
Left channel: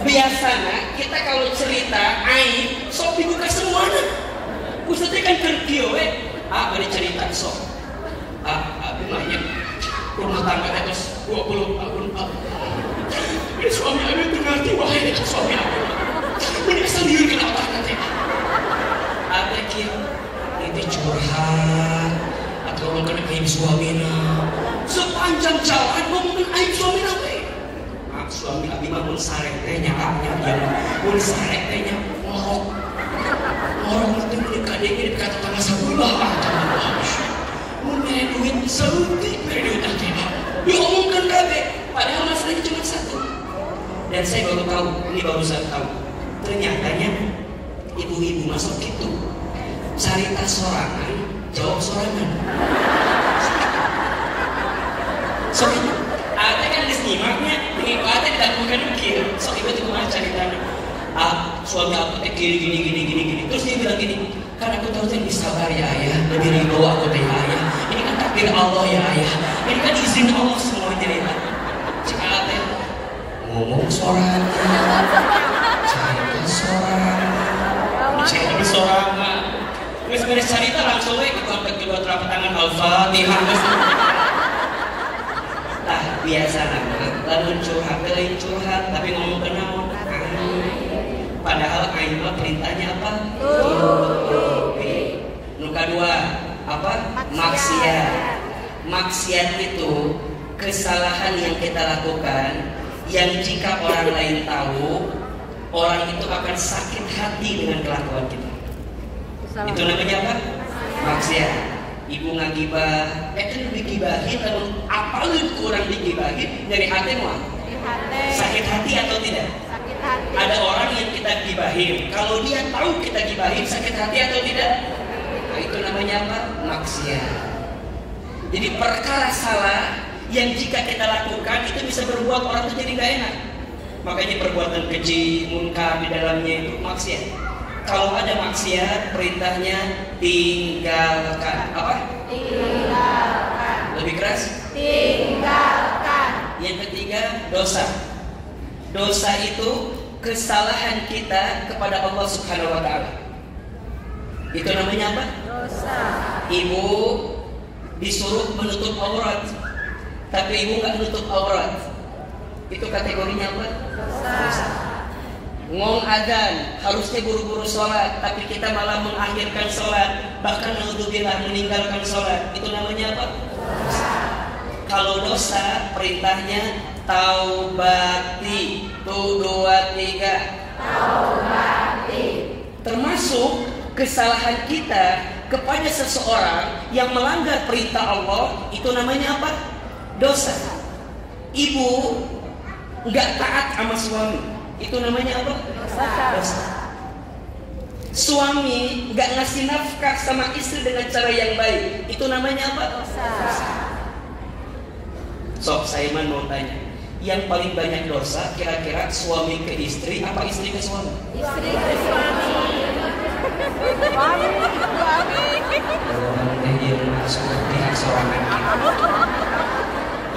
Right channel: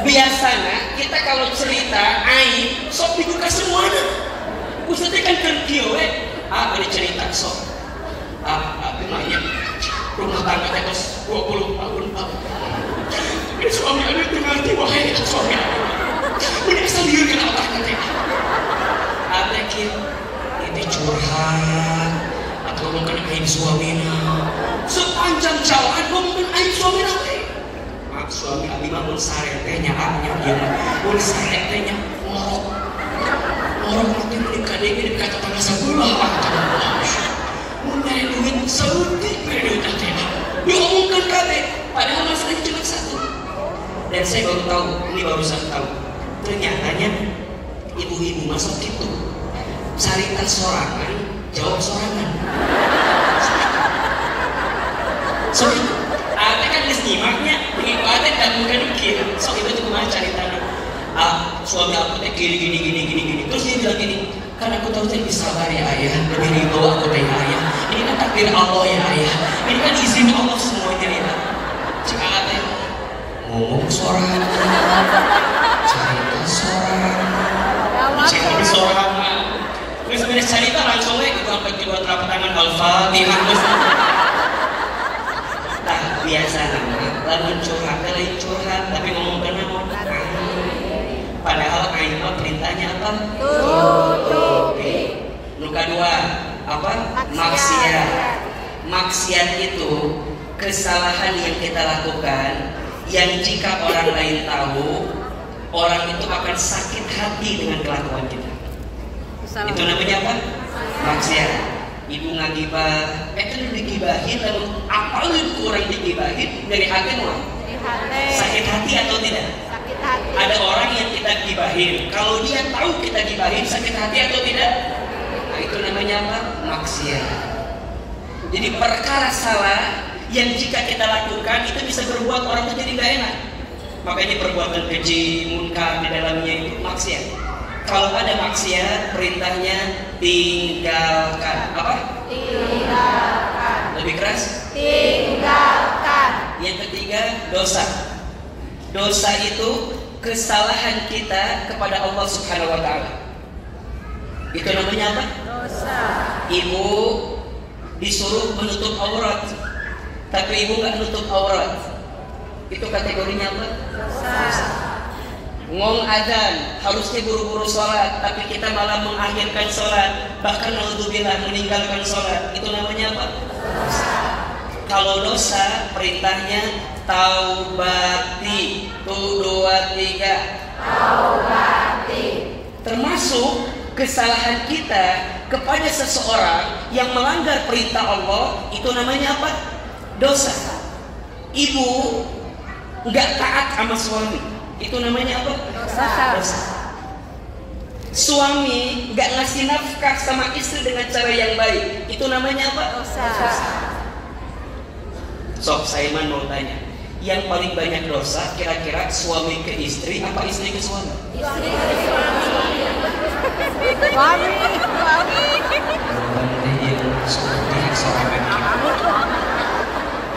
Biasanya kita kalau cerita aib sok dibuka semuanya. Ustaz kan kerja we. Beri cerita sok. Apa namanya? rumah tangga terus 20 tahun. Suami Anda mengerti wahai suami Anda. Menyesal diri kenapa nanti? Ada itu curhat atau ngomongin aib suaminya. Sepanjang jalan ngomongin aib suaminya. Suami Abi mah mun saretenya dia mun saretenya orang nanti kadek ini kata tanah sebelah mun nyari duit serutik duit nanti diomongkan kabeh padahal masalahnya cuma satu. Dan saya baru tahu, ini baru saya tahu, ternyatanya ibu-ibu masuk itu cerita sorangan, jawab sorangan. Soalnya ada kan istimaknya, begitu ada dan bukan kiri. So itu cuma ceritanya. Suami aku teh gini. Terus dia bilang gini, kan aku tahu teh sabar ya ayah, lebih ridho aku teh ayah. Ini kan takdir Allah ya ayah. Ini kan izin Allah semua cerita. Cakap teh ngomong sorangan, cerita sorangan, cerita sorangan. Terus beres cerita langsung kita angkat kedua telapak tangan Al-Fatihah. Nah biasa namanya, lalu curhat, tapi ngomong kenapa? Padahal ayat perintahnya apa? Tutupi. Nuka dua apa? Maksiat. Maksiat itu kesalahan yang kita lakukan yang jika orang lain tahu, orang itu akan sakit hati dengan kelakuan kita. Itu namanya apa? Maksiat. Ibu ngagibah, kan digibahin, namun apalagi orang digibahin dari hati mau? Sakit hati atau tidak? Sakit hati. Ada orang yang kita gibahin, kalau dia tahu kita gibahin, sakit hati atau tidak? Nah, itu namanya apa? Maksiat. Jadi perkara salah yang jika kita lakukan itu bisa berbuat orang itu jadi gak enak. Makanya perbuatan keji, munkar di dalamnya itu maksiat. Kalau ada maksiat, perintahnya tinggalkan. Apa? Tinggalkan. Lebih keras? Tinggalkan. Yang ketiga, dosa. Dosa itu kesalahan kita kepada Allah Subhanahu wa Ta'ala. Itu namanya apa? Dosa. Ibu disuruh menutup aurat, tapi ibu nggak nutup aurat. Itu kategorinya apa? Dosa. Ngong adzan, harusnya buru-buru sholat, tapi kita malah mengakhirkan sholat, bahkan naudzubillah meninggalkan sholat. Itu namanya apa? Dosa. Kalau dosa, perintahnya taubati. 1, 2, 3. Taubati. Termasuk kesalahan kita kepada seseorang yang melanggar perintah Allah, itu namanya apa? Dosa. Ibu nggak taat sama suami, itu namanya apa? Dosa. Suami nggak ngasih nafkah sama istri dengan cara yang baik, itu namanya apa? Dosa. Sok saya mau tanya, yang paling banyak dosa kira-kira suami ke istri apa istri ke suami? Istri ke suami.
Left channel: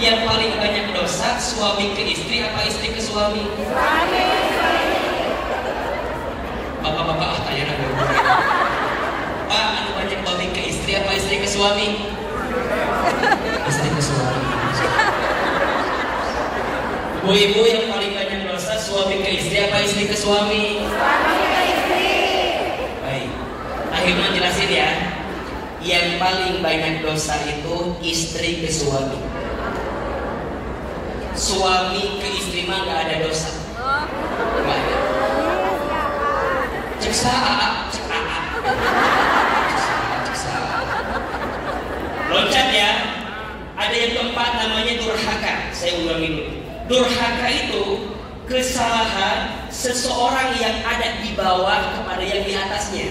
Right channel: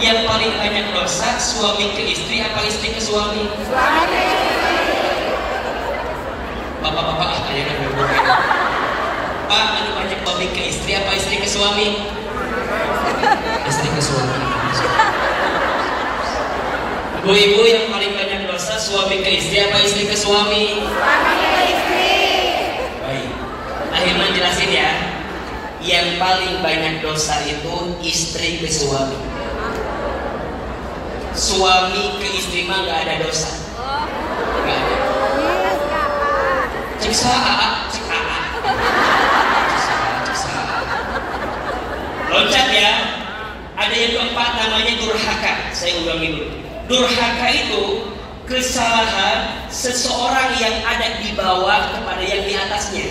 Yang paling banyak dosa suami ke istri apa istri ke suami? Suami. Bapak-bapak kayaknya berbeda. Pak, paling banyak suami ke istri apa istri ke suami? Istri ke suami. Bu-ibu yang paling banyak dosa suami ke istri apa istri ke suami? Suami ke istri. Baik. Akhirnya jelasin ya. Yang paling banyak dosa itu istri ke suami. Suami ke istri mah nggak ada dosa. Nggak ada. Ceksa. Loncat ya. Ada yang keempat namanya durhaka. Saya ulangi dulu. Durhaka itu kesalahan seseorang yang ada di bawah kepada yang di atasnya.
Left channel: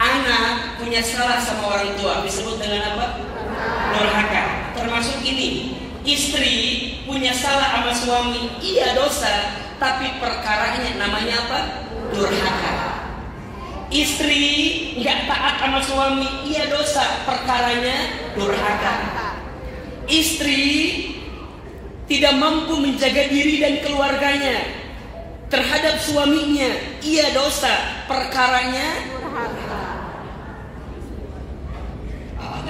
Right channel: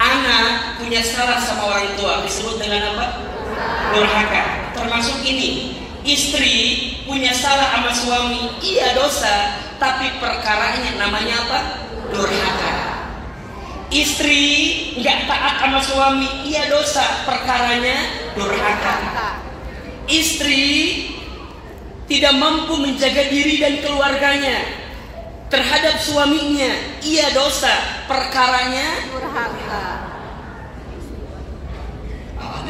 Anak punya salah sama orang tua disebut dengan apa? Durhaka. Termasuk ini. Istri punya salah sama suami, iya dosa, tapi perkaranya namanya apa? Durhaka. Istri nggak taat sama suami, iya dosa, perkaranya durhaka. Istri tidak mampu menjaga diri dan keluarganya terhadap suaminya, iya dosa, perkaranya durhaka.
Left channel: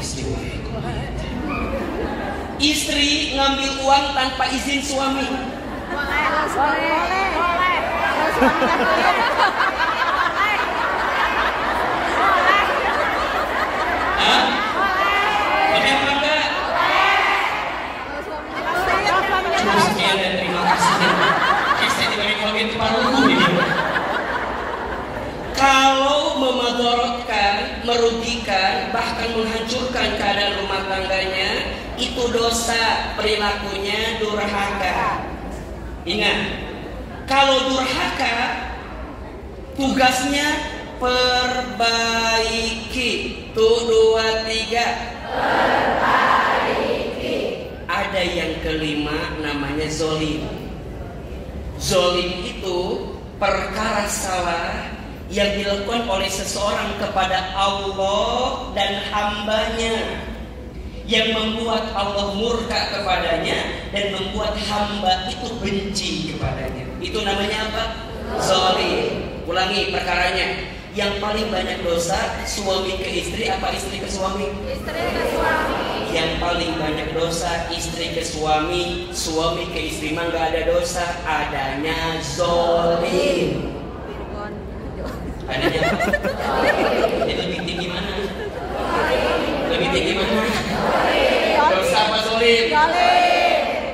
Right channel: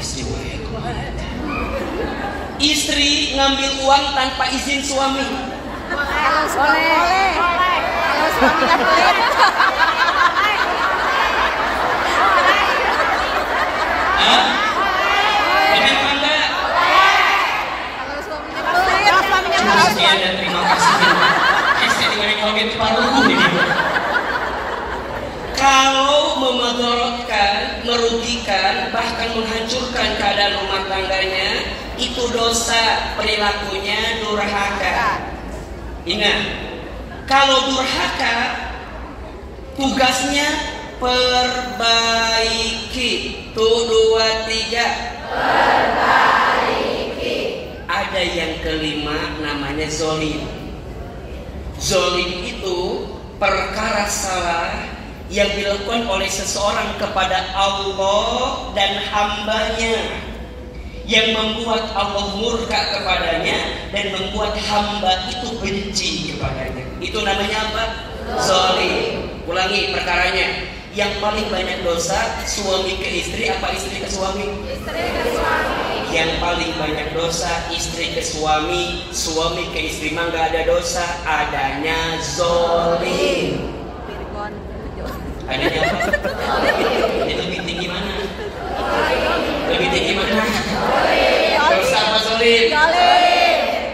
Istri wae kumaha. Istri ngambil uang tanpa izin suami. Boleh. Hah? Boleh apa enggak? Sekian dan terima kasih. Saya diberi komen paruh ini. Kalau memadorotkan, merugikan, bahkan menghancurkan keadaan rumah tangganya, itu dosa, perilakunya durhaka. Ingat, kalau durhaka, tugasnya perbaiki. Tuh 2, 3. Perbaiki. Ada yang kelima namanya zolim. Zolim itu perkara salah yang dilakukan oleh seseorang kepada Allah dan hambanya, yang membuat Allah murka kepadanya dan membuat hamba itu benci kepadanya. Itu namanya apa? Zalim. Ulangi perkaranya. Yang paling banyak dosa suami ke istri apa istri ke suami? Istri ke suami. Yang paling banyak dosa istri ke suami, suami ke istri mah nggak ada dosa, adanya zalim. Adanya apa? Itu lebih tinggi mana? Lebih tinggi mana? Dosa apa zalim?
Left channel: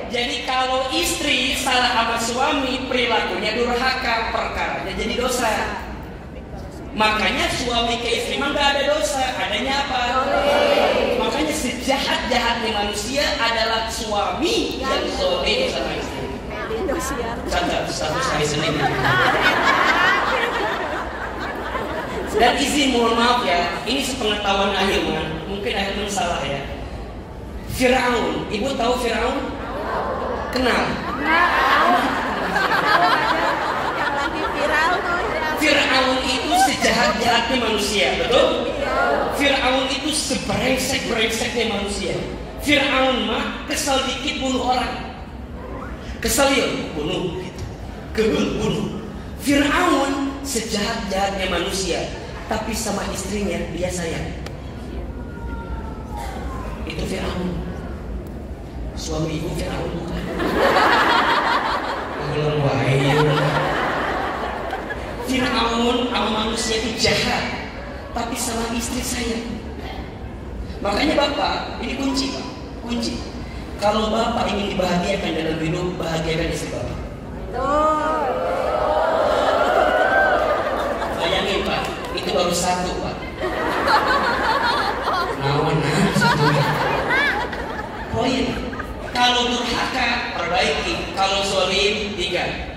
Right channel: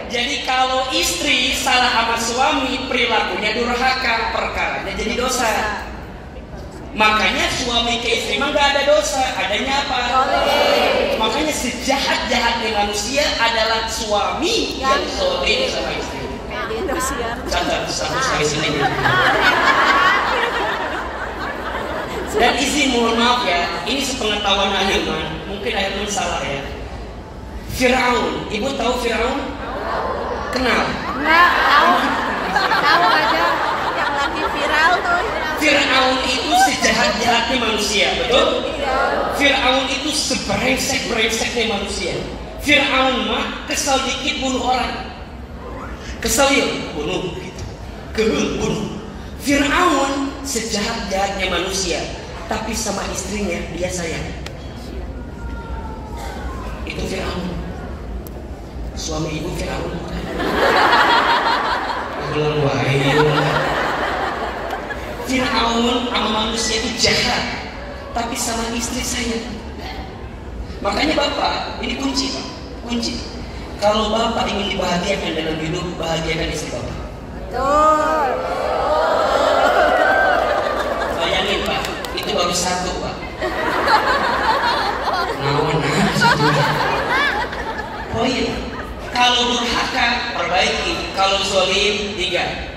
Jadi kalau istri salah sama suami, perilakunya durhaka, perkaranya jadi dosa. Makanya suami ke istri mah nggak ada dosa, adanya apa? Makanya sejahat-jahatnya manusia adalah suami yang zalim sama istri. Catat satu kali Senin. Dan izin mohon maaf ya, ini sepengetahuan Ahilman, mungkin Ahilman salah ya. Firaun, ibu tahu Firaun? Kenal? Tahu aja yang lagi viral tuh. Firaun itu sejahat-jahatnya manusia, betul? Firaun itu seberengsek-berengseknya manusia. Firaun mah kesal dikit bunuh orang. Kesal yuk, bunuh. Kebul bunuh. Firaun sejahat-jahatnya manusia, tapi sama istrinya dia sayang. Itu Firaun. Suami ibu Firaun bukan? Belum Firaun sama manusia itu jahat, tapi sama istri sayang. Makanya bapak, ini kunci pak, kunci. Kalau bapak ingin dibahagiakan dalam hidup, bahagiakan istri bapak. Bayangin pak, itu baru satu pak. Satu. Poin. Kalau durhaka, perbaiki. Kalau zalim, 3.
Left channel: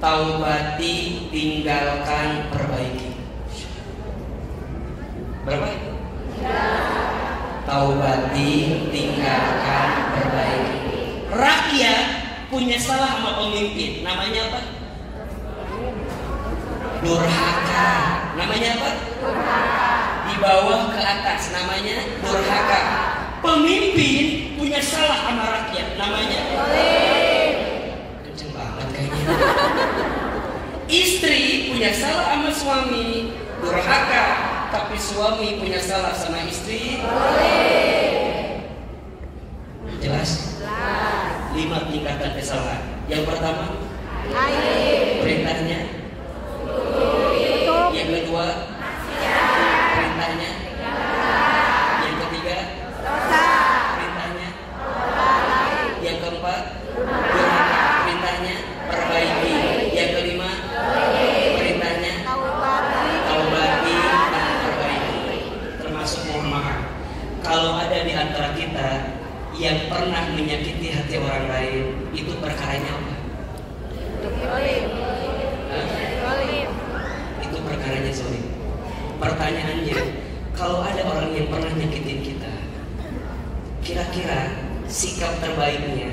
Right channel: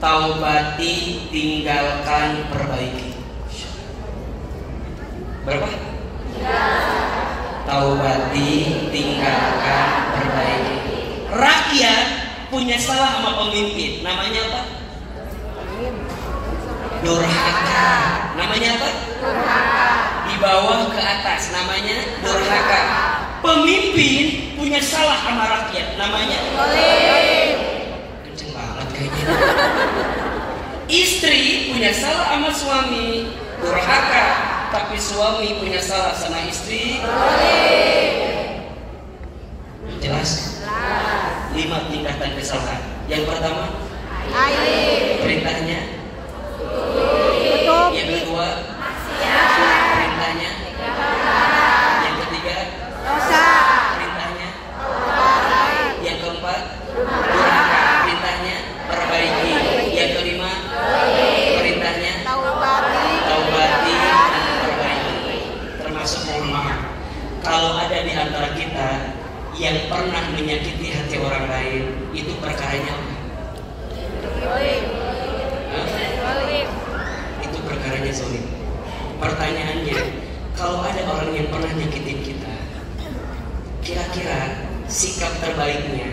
Taubati, tinggalkan, perbaiki. Berapa? 3. Taubati, tinggalkan, perbaiki. Rakyat punya salah sama pemimpin. Namanya apa? Durhaka. Namanya apa? Di bawah ke atas. Namanya durhaka. Pemimpin punya salah sama rakyat. Namanya kenceng banget kayaknya. Istri punya salah sama suami, durhaka. Tapi suami punya salah sama istri, jelas? 5 tingkatan kesalahan. Yang pertama, perintahnya. Yang kedua, perintahnya. Yang ketiga, perintahnya. Yang keempat, durhaka. Perintahnya, perbaiki. Yang kelima, perintahnya, taubati dan perbaiki. Termasuk mohon maaf, kalau ada di antara kita yang pernah menyakiti hati orang lain, itu perkaranya apa? Itu perkaranya zalim. Pertanyaannya, kalau ada orang yang pernah nyakitin kita, kira-kira sikap terbaiknya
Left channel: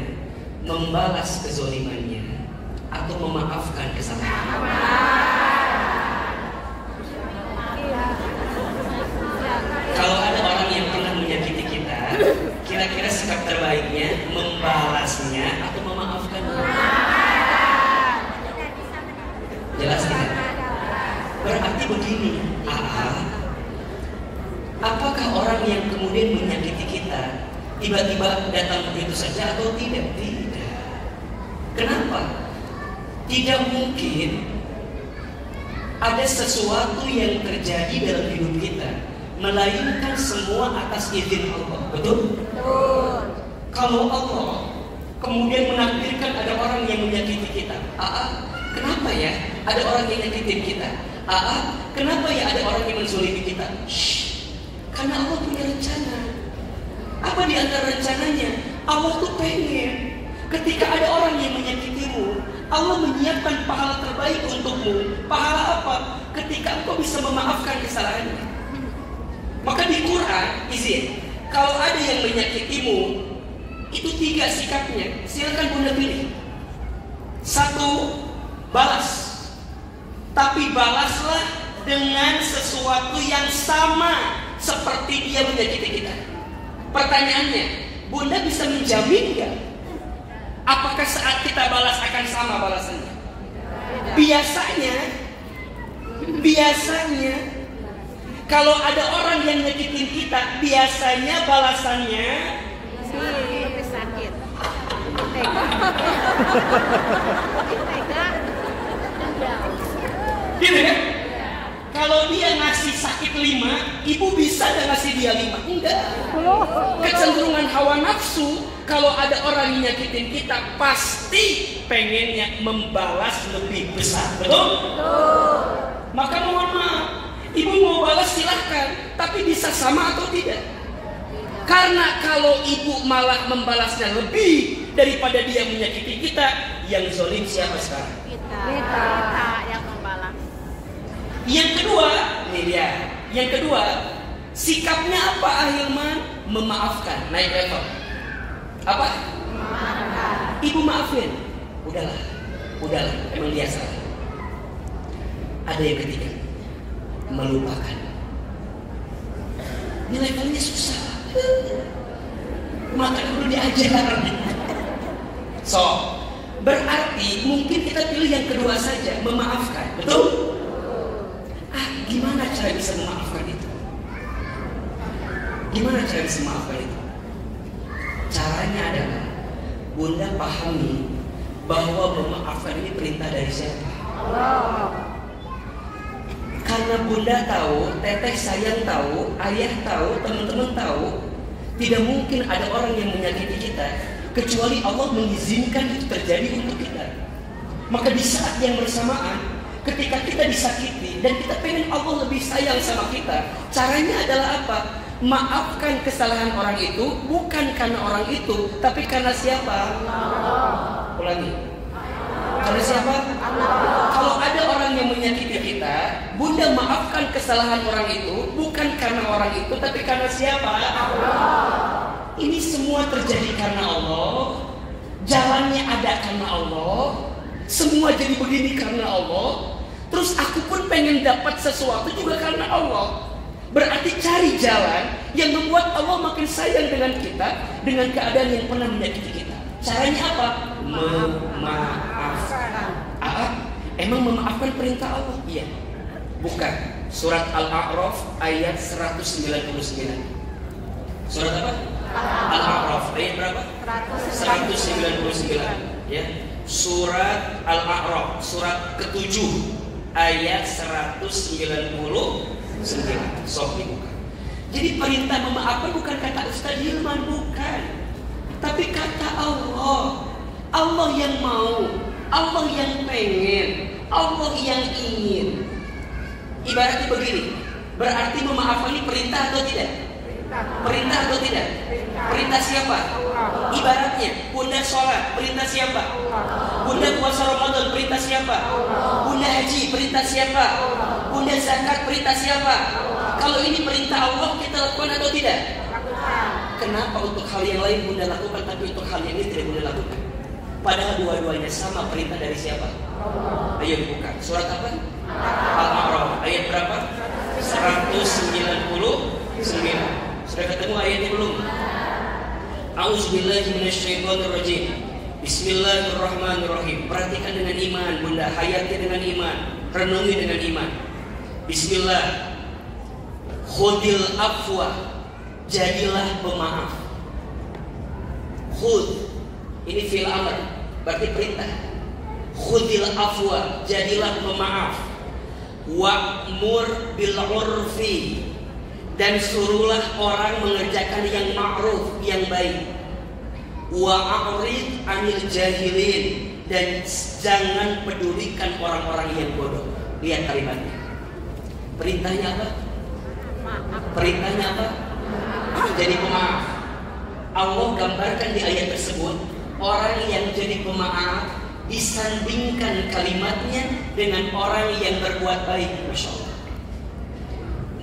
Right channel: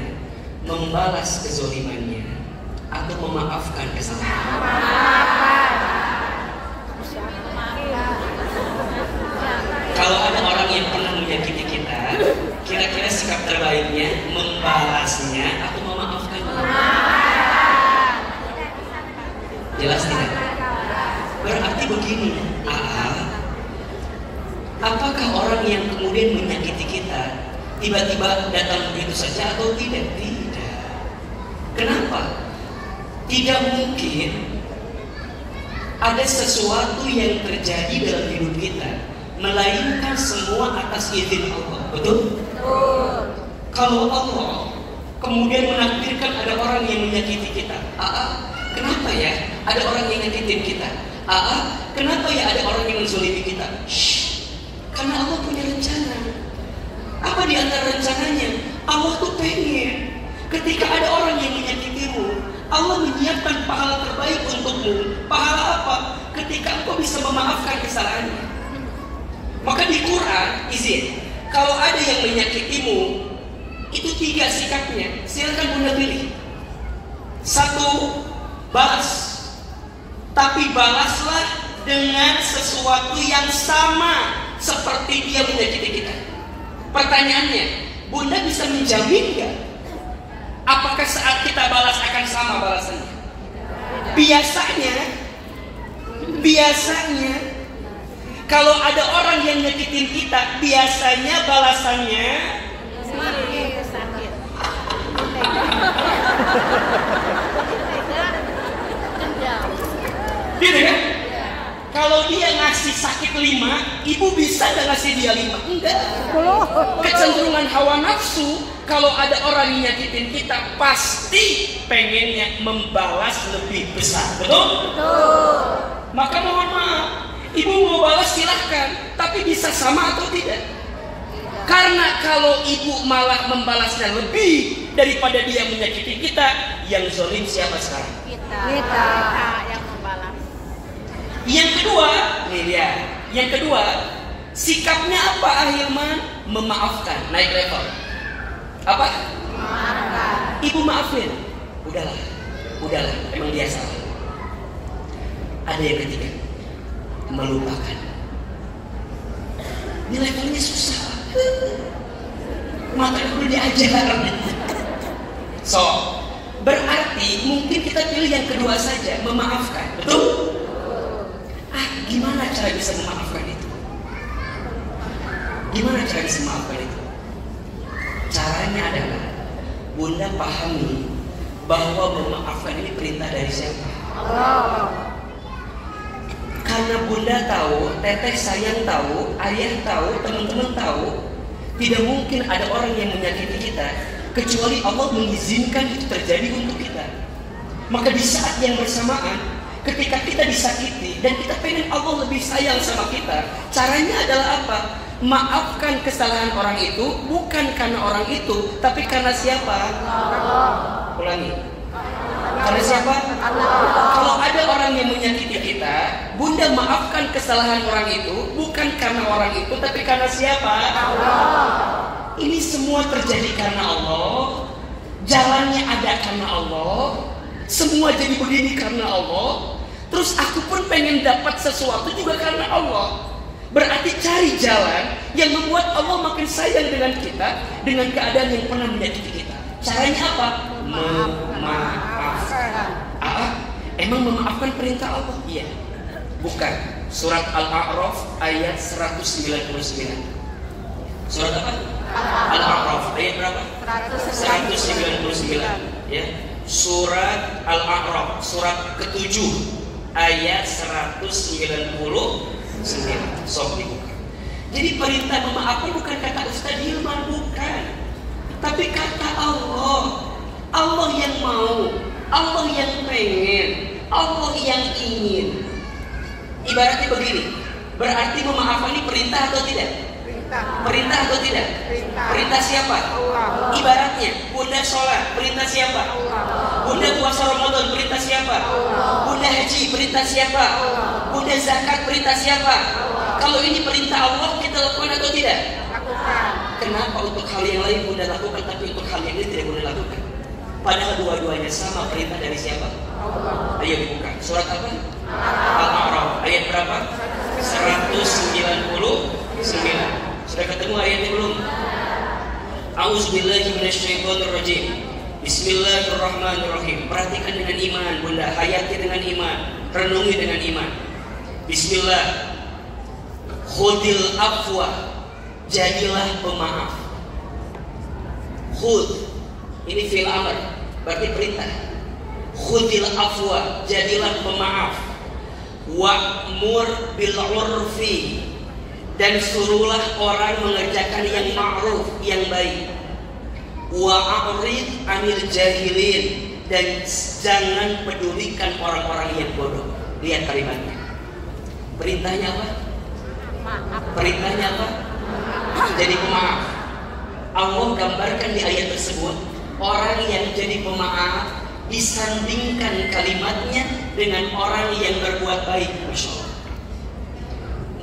membalas kezalimannya atau memaafkan kesalahan? Kalau ada orang yang pernah menyakiti kita, kira-kira sikap terbaiknya membalasnya atau memaafkannya? Jelas tidak? Berarti begini, apakah orang yang kemudian menyakiti kita tiba-tiba datang begitu saja atau tidak? Tidak. Kenapa? Tidak mungkin ada sesuatu yang terjadi dalam hidup kita melainkan semua atas izin Allah. Betul? Kalau Allah kemudian menakdirkan ada orang yang menyakiti kita, kenapa ya ada orang yang nyakitin kita? Kenapa ya ada orang yang menzalimi kita? Karena Allah punya rencana. Apa di antara rencananya? Allah tuh pengen ketika ada orang yang menyakitimu, Allah menyiapkan pahala terbaik untukmu. Pahala apa? Ketika engkau bisa memaafkan kesalahannya. Maka di Quran, izin, kalau ada yang menyakitimu, itu 3 sikapnya. Silakan Bunda pilih. 1, balas. Tapi balaslah dengan sesuatu yang sama seperti dia menyakiti kita. Pertanyaannya, Bunda bisa menjamin gak? Apakah saat kita balas akan sama balasannya? Biasanya kalau ada orang yang nyakitin kita, biasanya balasannya sakit. Gitu kan? Kalau dia ngasih sakit 5, ibu bisa gak ngasih dia 5? Enggak. Kecenderungan hawa nafsu, kalau ada orang yang nyakitin kita, pasti pengennya membalas lebih besar. Betul? Maka mohon maaf, ibu mau balas silahkan, tapi bisa sama atau tidak? Karena kalau ibu malah membalasnya lebih daripada dia menyakiti kita, yang zalim siapa sekarang? Kita yang membalas. Yang kedua, nih dia. Yang kedua, sikapnya apa Ahilman? Memaafkan, naik level. Apa? Maafkan. Ibu maafin. Udahlah, emang dia salah. Ada yang ketiga, melupakan. Ini levelnya susah. Maka dulu diajar. So, berarti mungkin kita pilih yang kedua saja, memaafkan. Betul? Gimana cara bisa memaafkan itu? Caranya adalah Bunda pahami bahwa memaafkan ini perintah dari siapa? Karena Bunda tahu, teteh sayang tahu, ayah tahu, teman-teman tahu, tidak mungkin ada orang yang menyakiti kita kecuali Allah mengizinkan itu terjadi untuk kita. Maka di saat yang bersamaan, ketika kita disakiti dan kita pengen Allah lebih sayang sama kita, caranya adalah apa? Maafkan kesalahan orang itu bukan karena orang itu, tapi karena siapa? Ulangi. Karena siapa? Kalau ada orang yang menyakiti kita, Bunda maafkan kesalahan orang itu bukan karena orang itu, tapi karena siapa? Ini semua terjadi karena Allah. Jalannya ada karena Allah. Semua jadi begini karena Allah. Terus aku pun pengen dapat sesuatu juga karena Allah. Berarti cari jalan yang membuat Allah makin sayang dengan kita, dengan keadaan yang pernah menyakiti kita. Caranya apa? Memaafkan. Emang memaafkan perintah Allah? Iya. Bukan. Surat Al-A'raf ayat 199. Surat apa? Al-A'raf ayat berapa? 199. Ya. Surat Al-A'raf surat ke-7 ayat 199. Sok dibuka. Jadi perintah memaafkan bukan kata Ustaz Hilman, bukan. Tapi kata Allah. Allah yang mau, Allah yang pengen, Allah yang ingin. Ibaratnya begini, berarti memaafkan ini perintah atau tidak? Perintah atau tidak? Perintah siapa? Ibaratnya Bunda sholat, perintah siapa? Bunda puasa Ramadan, perintah siapa? Bunda haji, perintah siapa? Bunda zakat, perintah siapa? Kalau ini perintah Allah, kita lakukan atau tidak? Kenapa untuk hal yang lain Bunda lakukan, tapi untuk hal yang ini tidak Bunda lakukan? Padahal dua-duanya sama, perintah dari siapa? Ayo dibuka. Surat apa? Al-A'raf ayat berapa? 199. Sudah ketemu ayatnya belum? A'udzubillahi minasyaitonirrajim. Bismillahirrahmanirrahim. Perhatikan dengan iman Bunda, hayati dengan iman, renungi dengan iman. Bismillah. Khudil afwa, jadilah pemaaf. Khudh, ini fi'il amr, berarti perintah. Khudhil afwa, jadilah pemaaf. Wa'mur bil urfi, dan suruhlah orang mengerjakan yang ma'ruf, yang baik. Wa'arid anil jahilin, dan jangan pedulikan orang-orang yang bodoh. Lihat kalimatnya. Perintahnya apa? Perintahnya apa? Jadi pemaaf. Allah gambarkan di ayat tersebut orang yang jadi pemaaf disandingkan kalimatnya dengan orang yang berbuat baik. Masya Allah.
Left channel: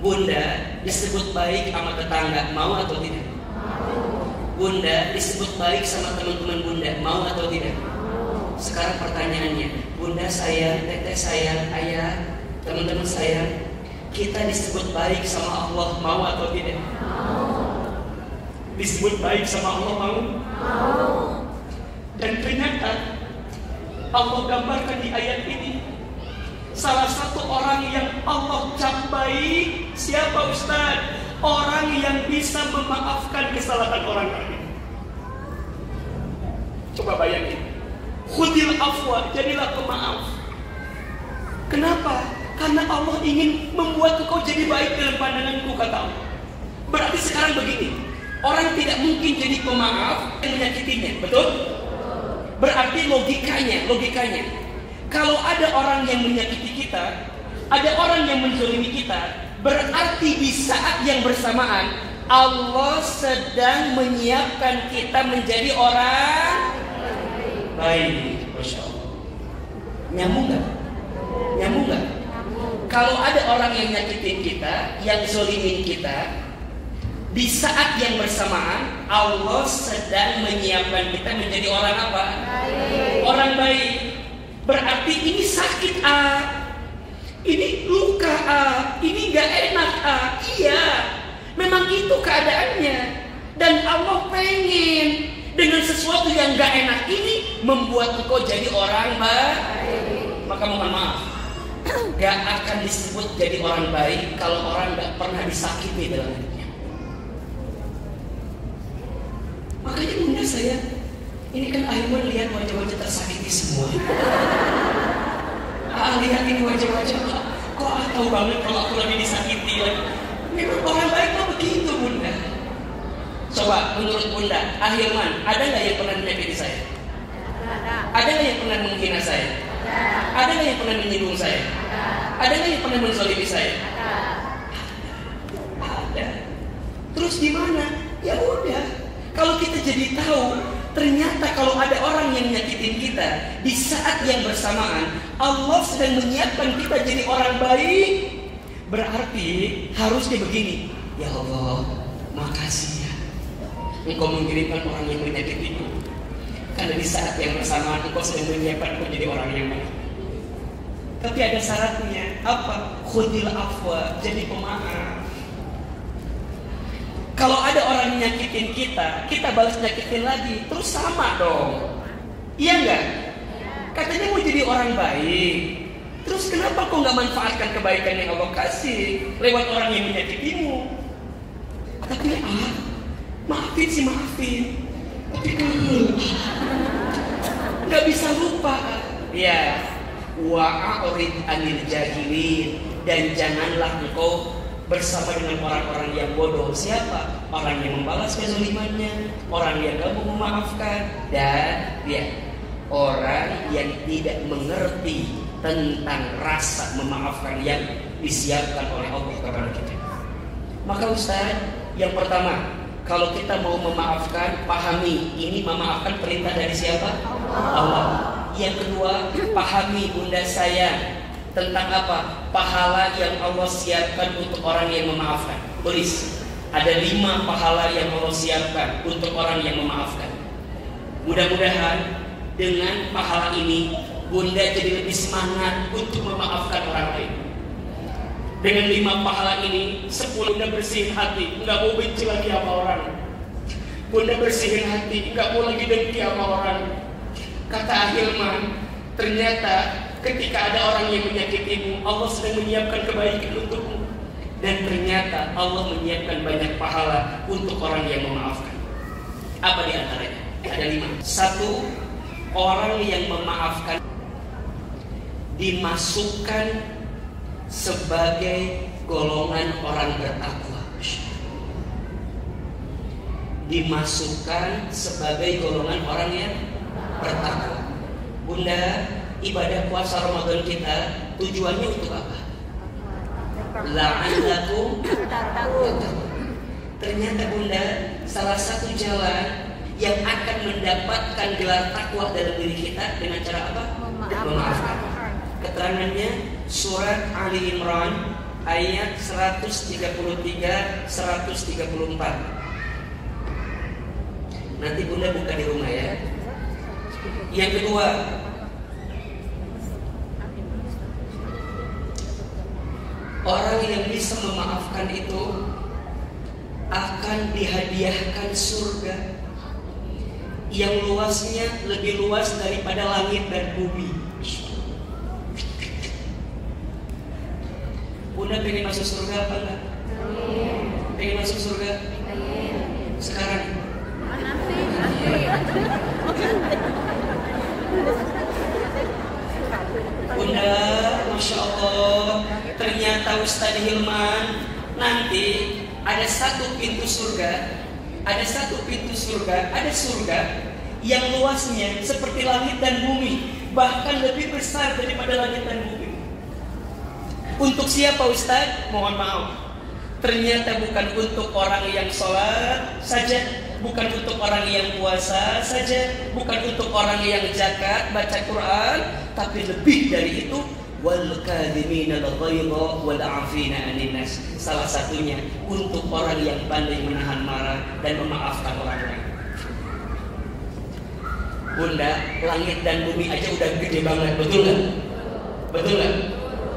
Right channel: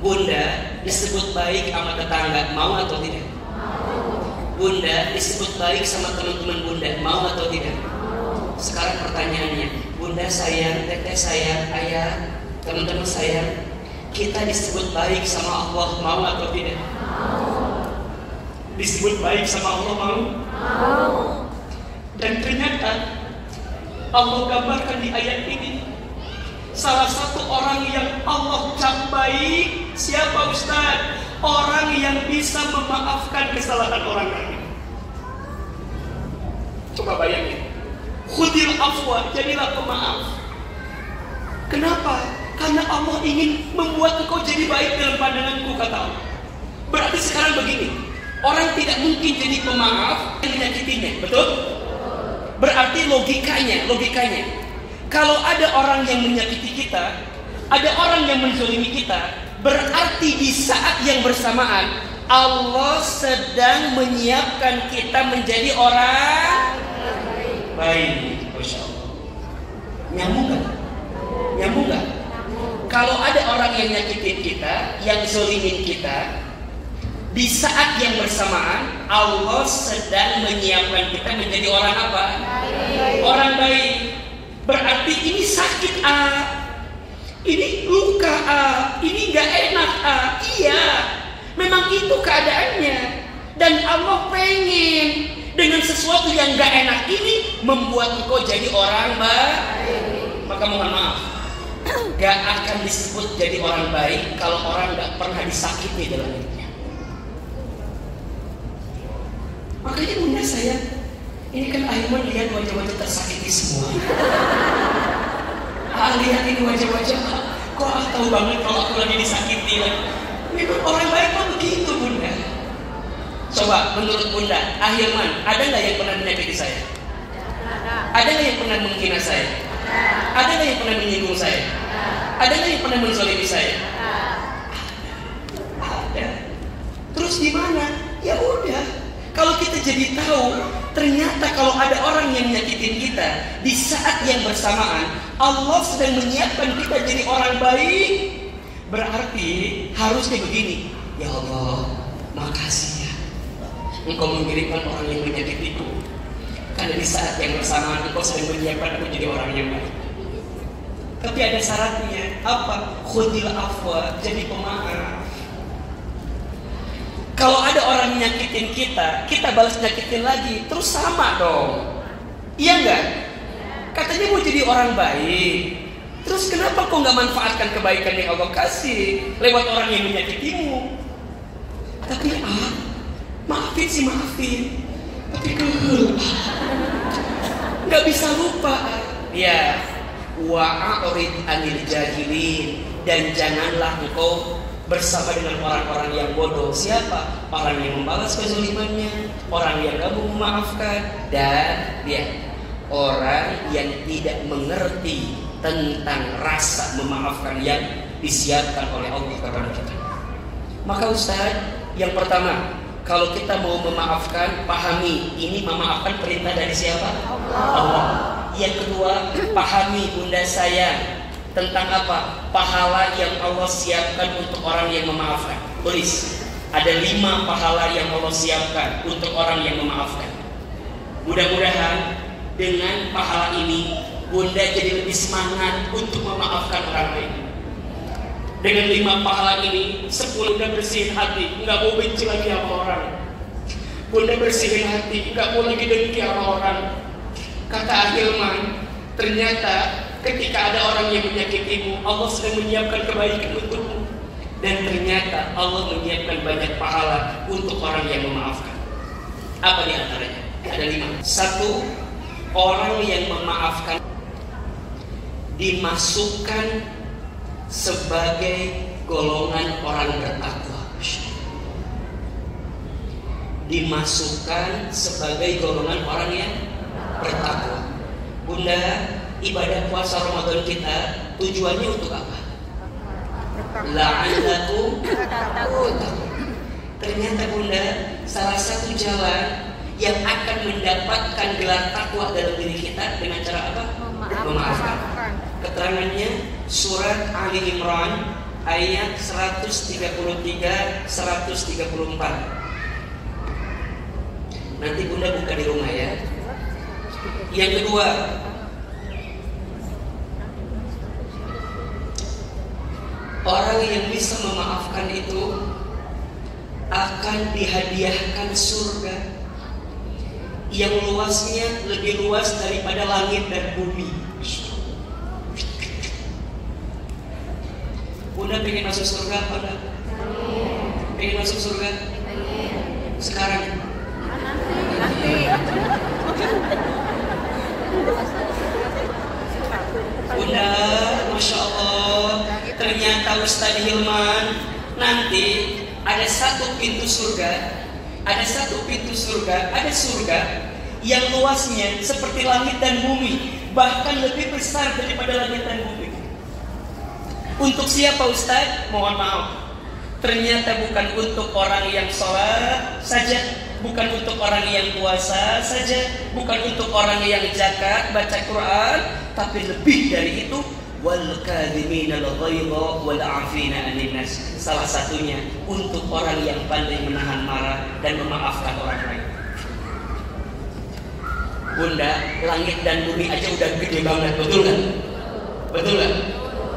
Bunda disebut baik sama tetangga, mau atau tidak? Bunda disebut baik sama teman-teman bunda, mau atau tidak? Sekarang pertanyaannya, bunda sayang, teteh sayang, ayah, teman-teman sayang, kita disebut baik sama Allah, mau atau tidak? Disebut baik sama Allah, mau? Dan ternyata Allah gambarkan di ayat ini salah satu orang yang Allah cap baik. Siapa Ustaz? Orang yang bisa memaafkan kesalahan orang lain. Coba bayangin. Khudil afwa, jadilah pemaaf. Kenapa? Karena Allah ingin membuat engkau jadi baik dalam pandanganku, kata Allah. Berarti sekarang begini, orang tidak mungkin jadi pemaaf yang menyakitinya, betul? Berarti logikanya, kalau ada orang yang menyakiti kita, ada orang yang menzalimi kita, berarti di saat yang bersamaan Allah sedang menyiapkan kita menjadi orang baik. Masya Allah. Nyambung gak? Kalau ada orang yang nyakitin kita, yang zalimin kita, di saat yang bersamaan Allah sedang menyiapkan kita menjadi orang apa? Baik. Orang baik. Berarti ini sakit ini luka ini gak enak iya, memang itu keadaannya. Dan Allah pengen dengan sesuatu yang gak enak ini membuat engkau jadi orang baik. Maka mohon maaf, gak akan disebut jadi orang baik kalau orang gak pernah disakiti dalam hidupnya. Makanya bunda saya, ini kan Aiman lihat wajah-wajah tersakiti semua. Lihat ini wajah-wajah, kok tahu banget kalau aku lagi disakiti. Memang orang baik kan begitu bunda. Coba menurut bunda, Ahilman, ada nggak yang pernah menyakiti saya? Ada nggak yang pernah menghina saya? Ada nggak yang pernah menyinggung saya? Ada nggak yang pernah menzalimi saya? Ada. Terus gimana? Ya udah. Kalau kita jadi tahu, ternyata kalau ada orang yang menyakitin kita, di saat yang bersamaan Allah sedang menyiapkan kita jadi orang baik, berarti harusnya begini. Ya Allah, makasih ya, Engkau mengirimkan orang yang menyakitiku, karena di saat yang bersamaan Engkau sedang menyiapkan aku jadi orang yang baik. Tapi ada syaratnya. Apa? Khudil afwa, jadi pemaaf. Kalau ada orang nyakitin kita, kita balas nyakitin lagi, terus sama dong. Iya enggak? Katanya mau jadi orang baik, terus kenapa kok nggak manfaatkan kebaikan yang Allah kasih lewat orang yang menyakitimu? Tapi maafin sih maafin, tapi kan nggak bisa lupa. Ya, wa'arid anil jahilin, dan janganlah engkau bersama dengan orang-orang yang bodoh. Siapa? Orang yang membalas kezalimannya, orang yang tidak memaafkan, dan orang yang tidak mengerti tentang rasa memaafkan yang disiapkan oleh Allah kepada kita. Maka Ustaz, yang pertama, kalau kita mau memaafkan, pahami ini memaafkan perintah dari siapa? Allah. Yang kedua, pahami bunda sayang tentang apa? Pahala yang Allah siapkan untuk orang yang memaafkan. Tulis, ada 5 pahala yang Allah siapkan untuk orang yang memaafkan. Mudah-mudahan dengan pahala ini bunda jadi lebih semangat untuk memaafkan orang lain. Dengan 5 pahala ini, 10 bunda bersihin hati, nggak mau benci lagi sama orang. Bunda bersihin hati, nggak mau lagi dengki sama orang. Kata Ahilman, ternyata ketika ada orang yang menyakitimu, Allah sedang menyiapkan kebaikan untukmu. Dan ternyata Allah menyiapkan banyak pahala untuk orang yang memaafkan. Apa di antaranya? Ada 5. 1, orang yang memaafkan dimasukkan sebagai golongan orang bertakwa. Dimasukkan sebagai golongan orang yang bertakwa. Bunda, ibadah puasa Ramadan kita tujuannya untuk apa? La'allakum tattaqun. Ternyata Bunda, salah satu jalan yang akan mendapatkan gelar takwa dalam diri kita dengan cara apa? Memaafkan. Keterangannya surat Ali Imran ayat 133-134. Nanti Bunda buka di rumah ya. Yang kedua, orang yang bisa memaafkan itu akan dihadiahkan surga yang luasnya lebih luas daripada langit dan bumi. Bunda pengen masuk surga apa enggak? Pengen masuk surga? Sekarang. Bunda, Masya Allah, ternyata Ustadz Hilman nanti ada satu pintu surga, ada surga yang luasnya seperti langit dan bumi, bahkan lebih besar daripada langit dan bumi. Untuk siapa Ustadz? Mohon maaf, ternyata bukan untuk orang yang sholat saja, bukan untuk orang yang puasa saja, bukan untuk orang yang zakat, baca Quran, tapi lebih dari itu, wal kadhiminal ghaidha wal 'afina 'anil nas. Salah satunya untuk orang yang pandai menahan marah dan memaafkan orang lain. Bunda, langit dan bumi aja udah gede banget, betul nggak? Betul nggak?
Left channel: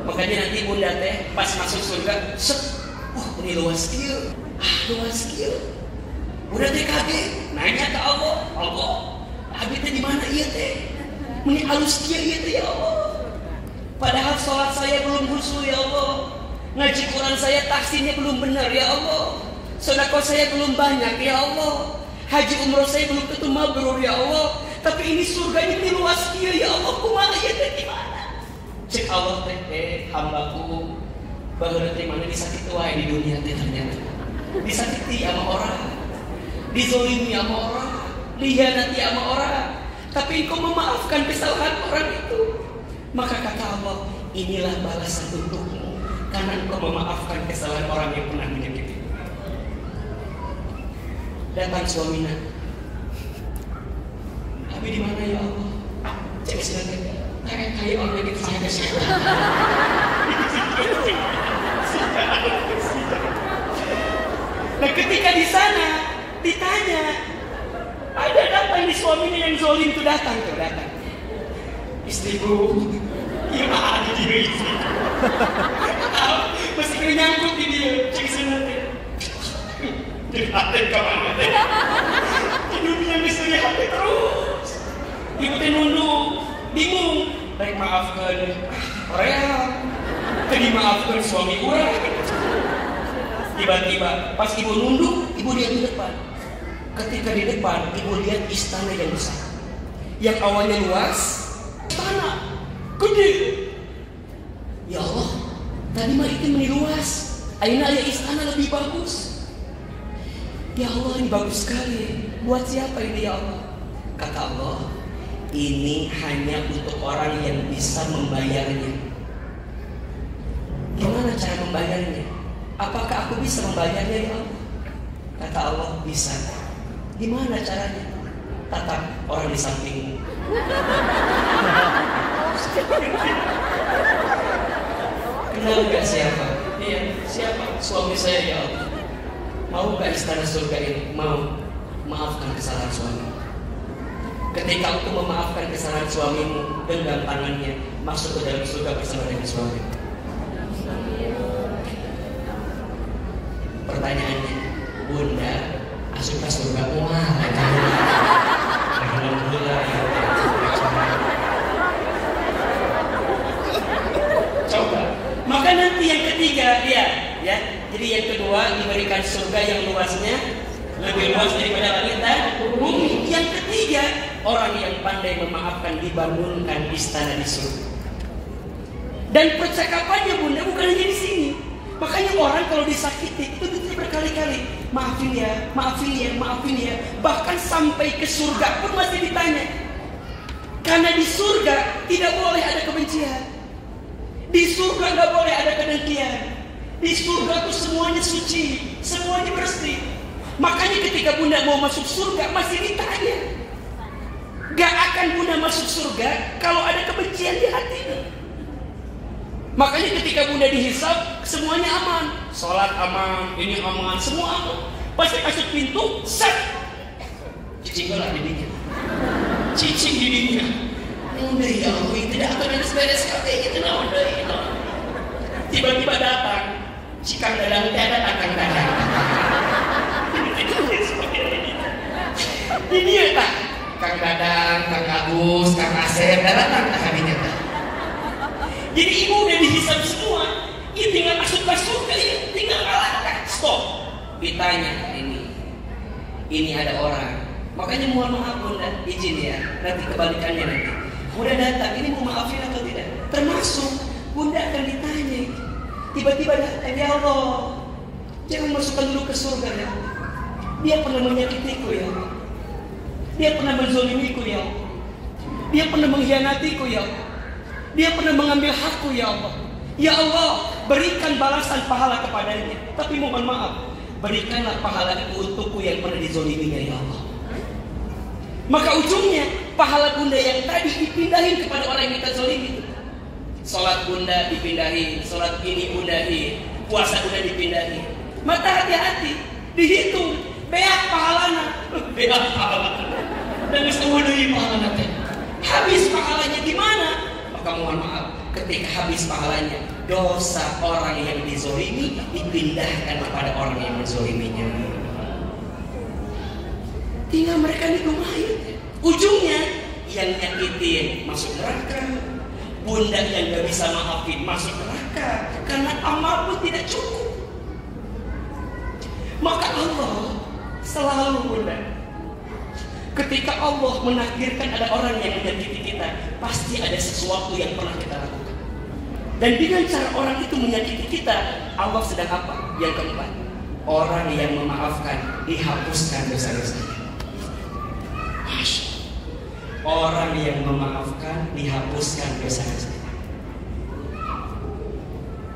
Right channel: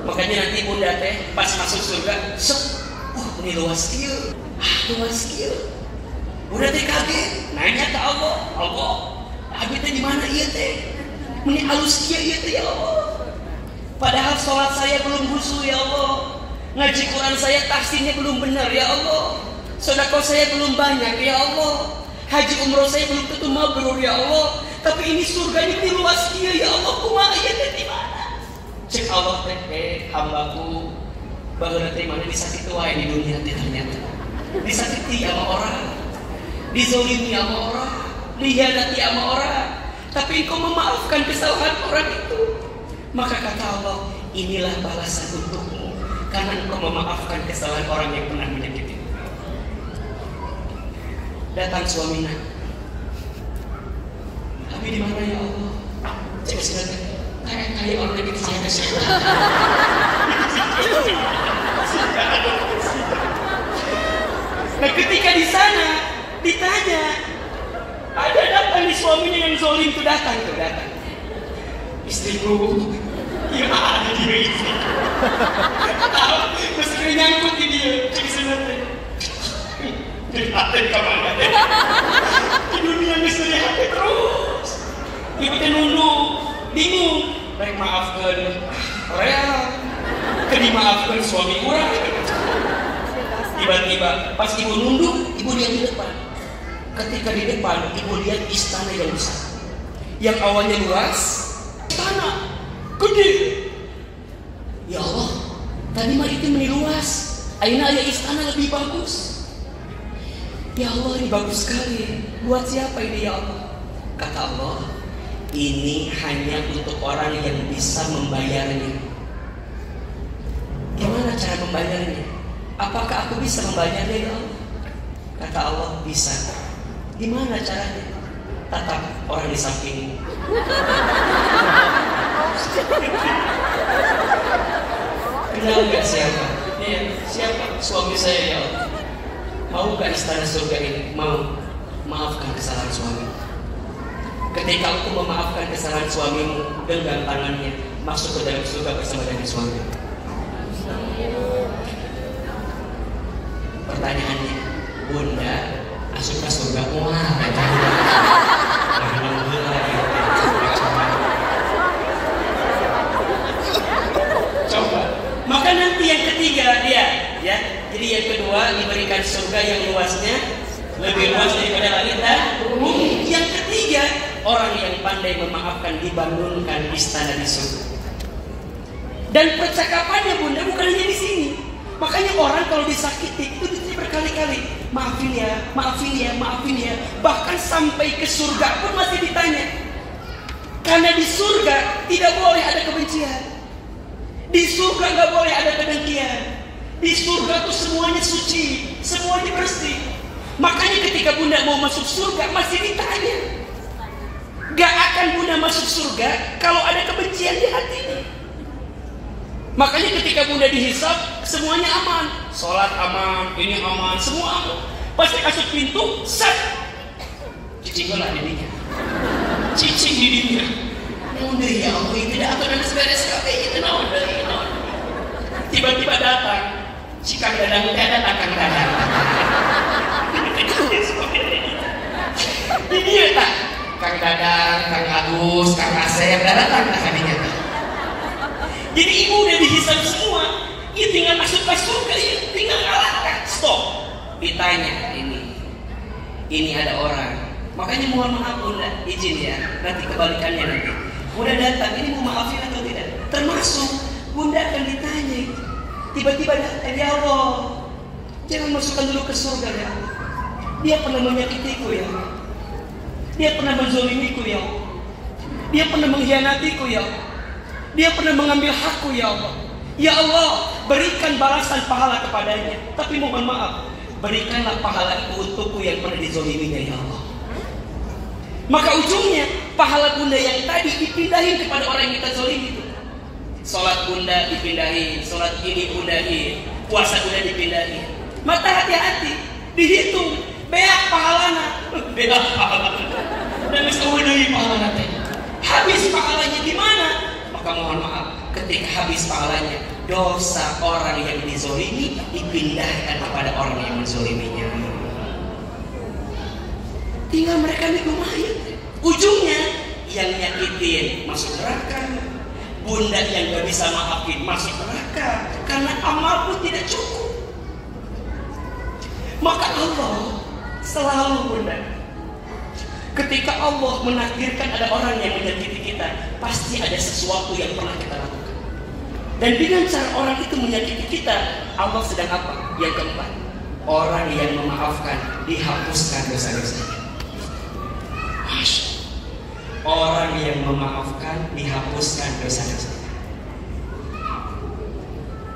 Makanya nanti Bunda teh pas masuk surga, ini luas kieu, Bunda teh kaget, nanya ke Allah, abi teh di mana ieu teh? Meni halus kieu ieu teh ya Allah. Padahal sholat saya belum khusyuk ya Allah, ngaji Quran saya tahsinnya belum benar ya Allah, sedekah saya belum banyak ya Allah, haji umroh saya belum tentu mabrur ya Allah. Tapi ini surganya ini luas kieu ya Allah, kumaha ieu teh di mana? Cek Allah teh hambaku baheula teh mana disakiti wae di dunia teh ternyata. Disakiti sama orang, dizolimi sama orang, dihianati sama orang, tapi engkau memaafkan kesalahan orang itu. Maka kata Allah, inilah balasan untukmu karena engkau memaafkan kesalahan orang yang pernah menyakiti. Datang suaminya, Abi di mana ya Allah? Cek sudah kali orang lagi saya kasih. Nah ketika di sana ditanya, ada datang di suaminya yang zolim itu datang. Istriku, gimana dia itu? Mesti nyangkut di dia, cek sebenarnya. Jadi hati kemana? Di dunia mesti hati terus. Ibu teh nunduk, bingung. Baik maafkan Korea, dimaafkan suami orang. Tiba-tiba pas ibu nunduk, ibu lihat di depan. Ketika di depan, ibu lihat istana yang besar, yang awalnya luas, istana gede. Ya Allah, tadi mah itu meni luas, ayeuna aya istana lebih bagus. Ya Allah, ini bagus sekali. Buat siapa ini ya Allah? Kata Allah, ini hanya untuk orang yang bisa membayarnya. Gimana cara membayarnya? Apakah aku bisa membayarnya ya Allah? Kata Allah, bisa. Gimana caranya? Tatap orang di sampingmu. Kenal gak siapa? Iya, siapa? Suami saya ya Allah. Mau gak istana surga ini? Mau. Maafkan kesalahan suami. Ketika aku memaafkan kesalahan suamimu, genggam tangannya, masuk ke dalam surga bersama dengan suami. Pertanyaannya, Bunda, asup ke surga wah? Coba. Maka nanti yang ketiga dia, ya. Jadi yang kedua diberikan surga yang luasnya lebih luas daripada langit dan bumi. Yang ketiga, orang yang pandai memaafkan dibangunkan istana di surga. Dan percakapannya Bunda bukan hanya di sini. Makanya orang kalau disakiti itu berkali-kali, maafin ya, maafin ya, maafin ya. Bahkan sampai ke surga pun masih ditanya. Karena di surga tidak boleh ada kebencian. Di surga nggak boleh ada kedengkian. Di surga tuh semuanya suci, semuanya bersih. Makanya ketika Bunda mau masuk surga masih ditanya. Gak akan Bunda masuk surga kalau ada kebencian di hatinya. Makanya ketika Bunda dihisab semuanya aman, sholat aman, ini aman, semua aman. Pasti kasih pintu, set, cicing lah dindingnya, cicing dindingnya. Bunda ya Allah, tidak akan ada beres kafe itu udah. Tiba-tiba datang, si Kang Dadang tidak datang Kang Dadang. Ini ya tak, Kang Dadang, Kang Agus, Kang Asep, datang tak kaminya tak. Jadi ibu udah dihisab semua, ini tinggal masuk ke surga, ini tinggal ngalahkan. Stop, ditanya ini ada orang. Makanya mohon maaf Bunda, izin ya, nanti kebalikannya nanti. Bunda datang, ini mau maafin atau tidak? Termasuk Bunda akan ditanya. Tiba-tiba datang, ya Allah, jangan masukkan dulu ke surga ya Allah. Dia pernah menyakitiku ya Allah. Dia pernah menzolimiku ya Allah. Dia pernah mengkhianatiku ya Allah. Dia pernah mengambil hakku ya Allah. Ya Allah, berikan balasan pahala kepadanya. Tapi mohon maaf, berikanlah pahala itu untukku yang pernah dizoliminya ya Allah. Maka ujungnya pahala Bunda yang tadi dipindahin kepada orang yang kita zolimi itu. Sholat Bunda dipindahin, sholat ini Bundahin, puasa Bunda dipindahin. Mata hati-hati, dihitung, beak pahalana, beak pahalana. Dan misalnya pahalana habis pahalanya di mana? Maka mohon maaf, ketika habis pahalanya, dosa orang yang dizolimi dipindahkan kepada orang yang menzoliminya. Tinggal mereka nikung mayat. Ujungnya yang nyakitin masuk neraka. Bunda yang gak bisa maafin masuk neraka. Karena amal pun tidak cukup. Maka Allah selalu Bunda, ketika Allah menakdirkan ada orang yang menyakiti kita, pasti ada sesuatu yang pernah kita lakukan. Dan dengan cara orang itu menyakiti kita, Allah sedang apa? Yang keempat, orang yang memaafkan dihapuskan dosa-dosanya. Orang yang memaafkan dihapuskan dosa-dosanya.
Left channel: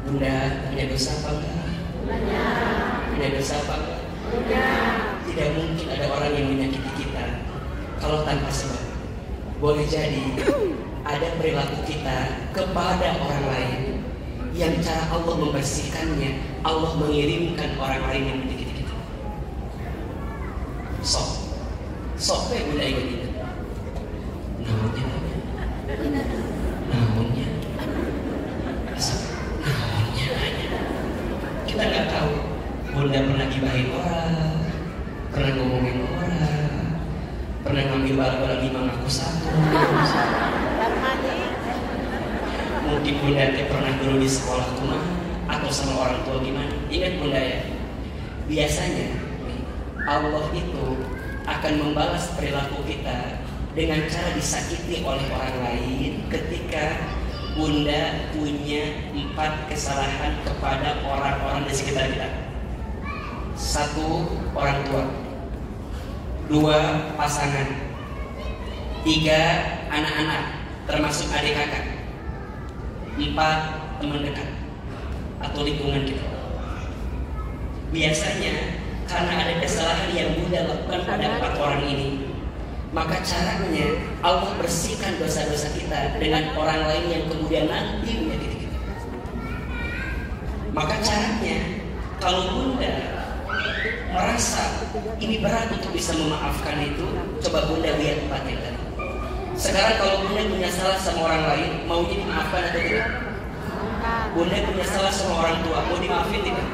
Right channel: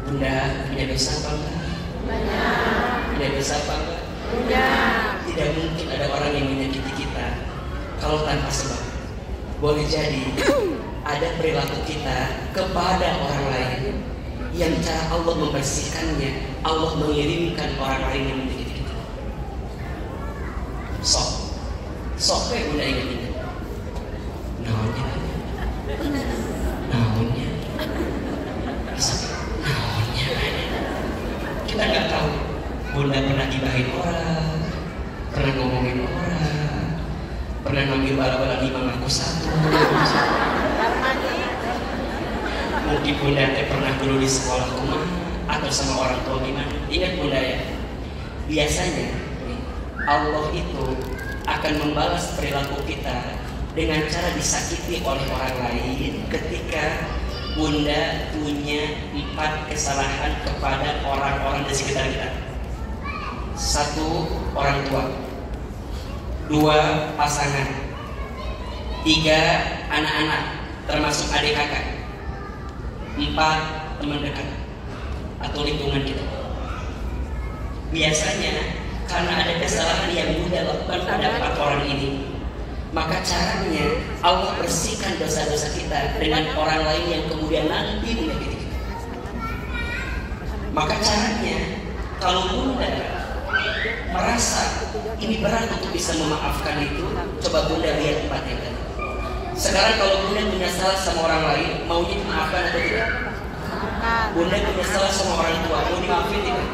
Bunda punya dosa apa enggak? Punya dosa apa enggak? Tidak mungkin ada orang yang menyakiti kita kalau tanpa sebab. Boleh jadi ada perilaku kita kepada orang lain yang cara Allah membersihkannya, Allah mengirimkan orang lain yang menyakiti kita. Sok Bunda ingat. Naonnya kita nggak tahu. Bunda pernah gibahin orang, pernah ngomongin orang, pernah ngambil bala-bala lima ngaku satu. Mungkin Bunda pernah dulu di sekolah rumah atau sama orang tua gimana. Ingat Bunda ya, biasanya Allah itu akan membalas perilaku kita dengan cara disakiti oleh orang lain ketika Bunda punya 4 kesalahan kepada orang-orang di sekitar kita. 1, orang tua. 2, pasangan. 3, anak-anak termasuk adik kakak. 4, teman dekat atau lingkungan kita. Biasanya karena ada kesalahan yang Bunda lakukan pada 4 orang ini, maka caranya Allah bersihkan dosa-dosa kita dengan orang lain yang kemudian nanti menyakiti kita. Maka caranya, kalau Bunda merasa ini berat untuk bisa memaafkan itu, coba Bunda lihat 4 yang tadi. Sekarang kalau Bunda punya salah sama orang lain, maunya dimaafkan atau tidak? Bunda punya salah sama orang tua, mau dimaafin tidak?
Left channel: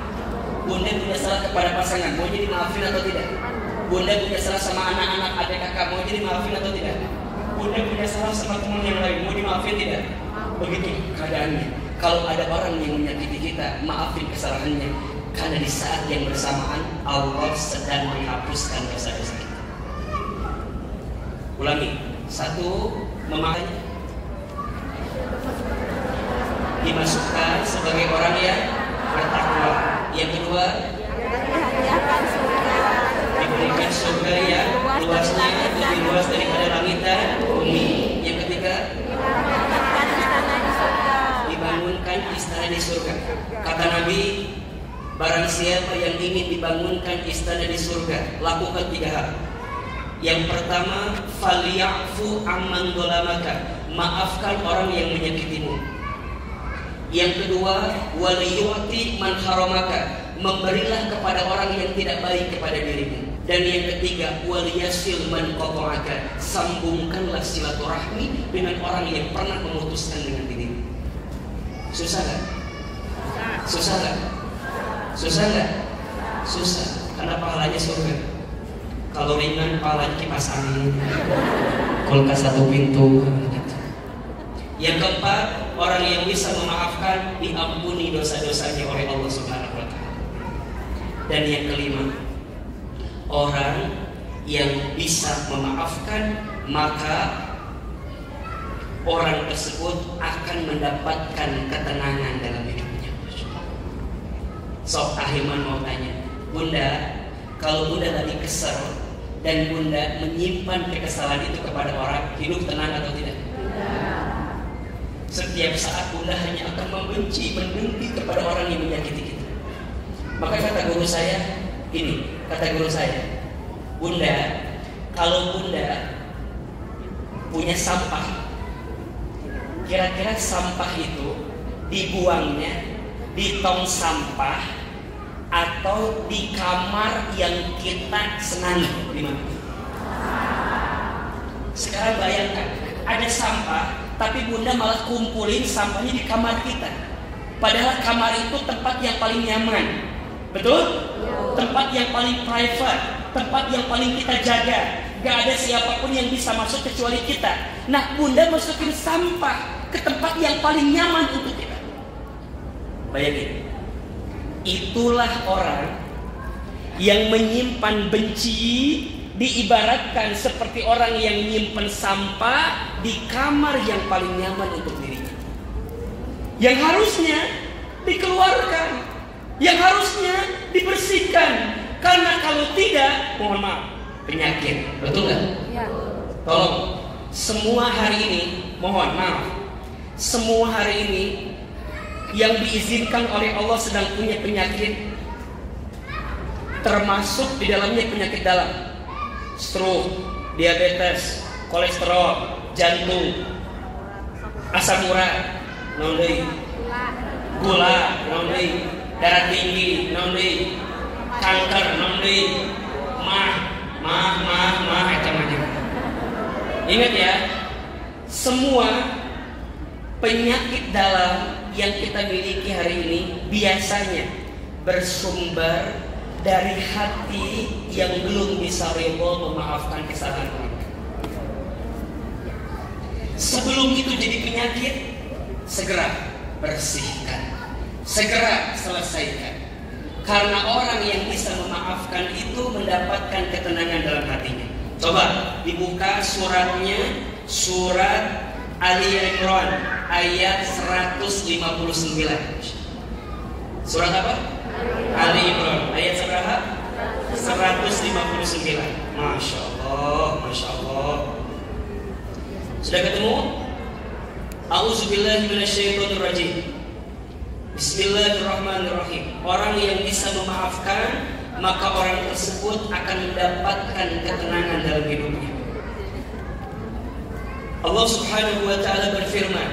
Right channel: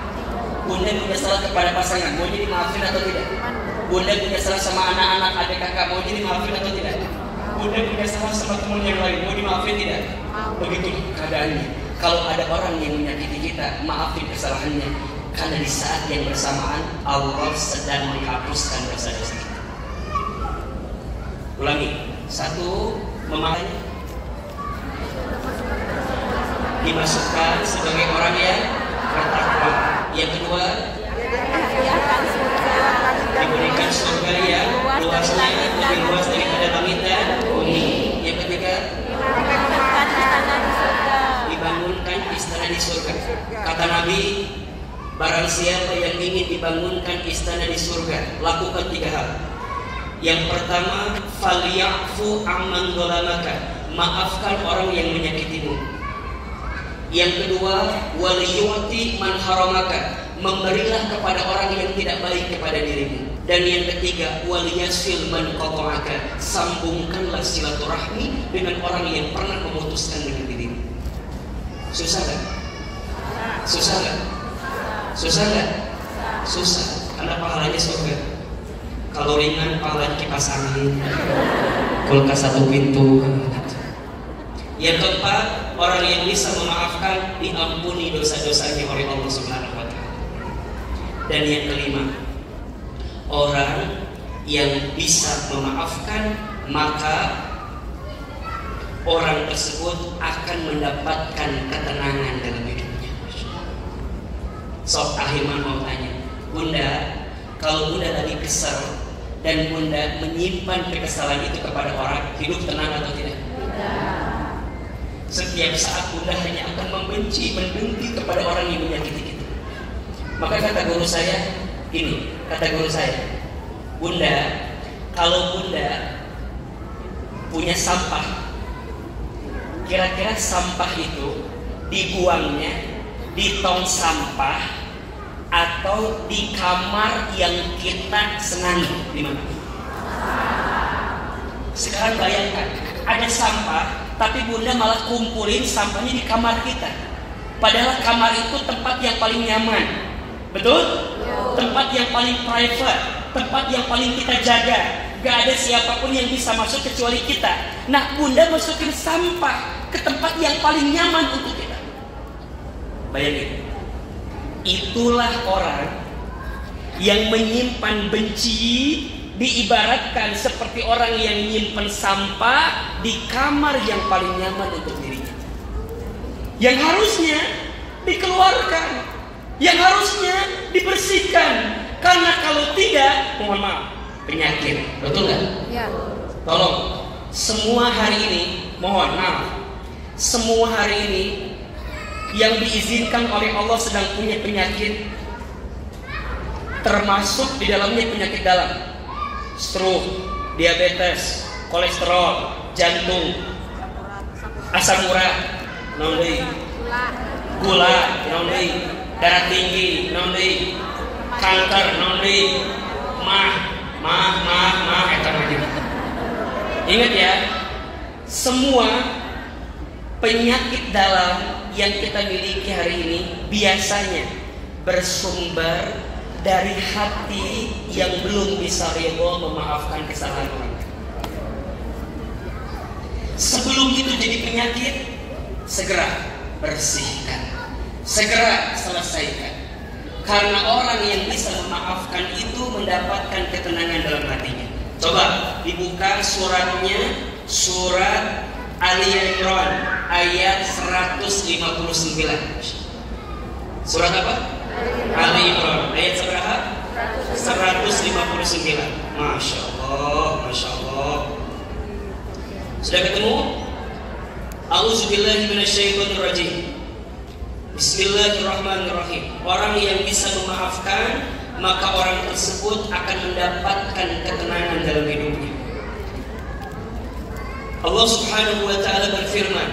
Bunda punya salah kepada pasangan, maunya dimaafin atau tidak? Bunda punya salah sama anak-anak, adik kakak, mau jadi maafin atau tidak? Bunda punya salah sama teman yang lain, mau dimaafin tidak? Begitu keadaannya. Kalau ada orang yang menyakiti kita, maafin kesalahannya. Karena di saat yang bersamaan Allah sedang menghapuskan dosa-dosa kita. Ulangi. 1, memakai dimasukkan sebagai orang yang bertakwa. Yang kedua, diberikan surga yang luasnya lebih luas daripada langit dan bumi. Yang ketiga, dibangunkan istana di surga. Kata Nabi, barang siapa yang ingin dibangunkan istana di surga, lakukan 3 hal. Yang pertama, falyafu amman dolamaka, maafkan orang yang menyakitimu. Yang kedua, waliyuti man haramaka, memberilah kepada orang yang tidak baik kepada dirimu. Dan yang ketiga, waliyasil man qata'aka, sambungkanlah silaturahmi dengan orang yang pernah memutuskan dengan dirimu. Susah kan? Susah kan? Susah kan? Susah, karena pahalanya surga. Kalau ringan pahalanya kipas angin, kulkas 1 pintu. Yang keempat, orang yang bisa memaafkan diampuni dosa-dosanya oleh Allah Subhanahu wa Ta'ala. Dan yang kelima, orang yang bisa memaafkan, maka orang tersebut akan mendapatkan ketenangan dalam hidupnya. Sok Ahilman mau tanya, Bunda, kalau Bunda lagi kesal dan Bunda menyimpan kekesalan itu kepada orang, hidup tenang atau tidak? Tidak. Setiap saat Bunda hanya akan membenci, mendengki kepada orang yang menyakiti kita. Maka kata guru saya, gini, kata guru saya, Bunda, kalau Bunda punya sampah, kira-kira sampah itu dibuangnya di tong sampah atau di kamar yang kita senangi, di mana? Sekarang bayangkan, ada sampah, tapi Bunda malah kumpulin sampahnya di kamar kita. Padahal kamar itu tempat yang paling nyaman, betul? Tempat yang paling private, tempat yang paling kita jaga. Gak ada siapapun yang bisa masuk kecuali kita. Nah, Bunda masukin sampah ke tempat yang paling nyaman untuk kita. Bayangin. Itulah orang yang menyimpan benci, diibaratkan seperti orang yang menyimpan sampah di kamar yang paling nyaman untuk dirinya. Yang harusnya dikeluarkan, yang harusnya dibersihkan. Karena kalau tidak, mohon maaf, penyakit. Betul nggak? Ya. Tolong, semua hari ini, mohon maaf, semua hari ini yang diizinkan oleh Allah sedang punya penyakit, termasuk di dalamnya penyakit dalam, stroke, diabetes, kolesterol, jantung, asam urat, gula, darah tinggi, kanker, mah. Ingat ya, semua penyakit dalam yang kita miliki hari ini biasanya bersumber dari hati yang belum bisa ridho memaafkan kesalahan orang. Sebelum itu jadi penyakit, segera bersihkan, segera selesaikan. Karena orang yang bisa memaafkan itu mendapatkan ketenangan dalam hatinya. Coba dibuka suratnya, surat Ali Imran ayat 159. Surat apa? Ali Imran ayat seberapa? 159. Masya Allah, Masya Allah. Sudah ketemu? A'udzubillahi minasyaitonirrajim. Bismillahirrahmanirrahim. Orang yang bisa memaafkan, maka orang tersebut akan mendapatkan ketenangan dalam hidupnya. Allah Subhanahu wa ta'ala berfirman,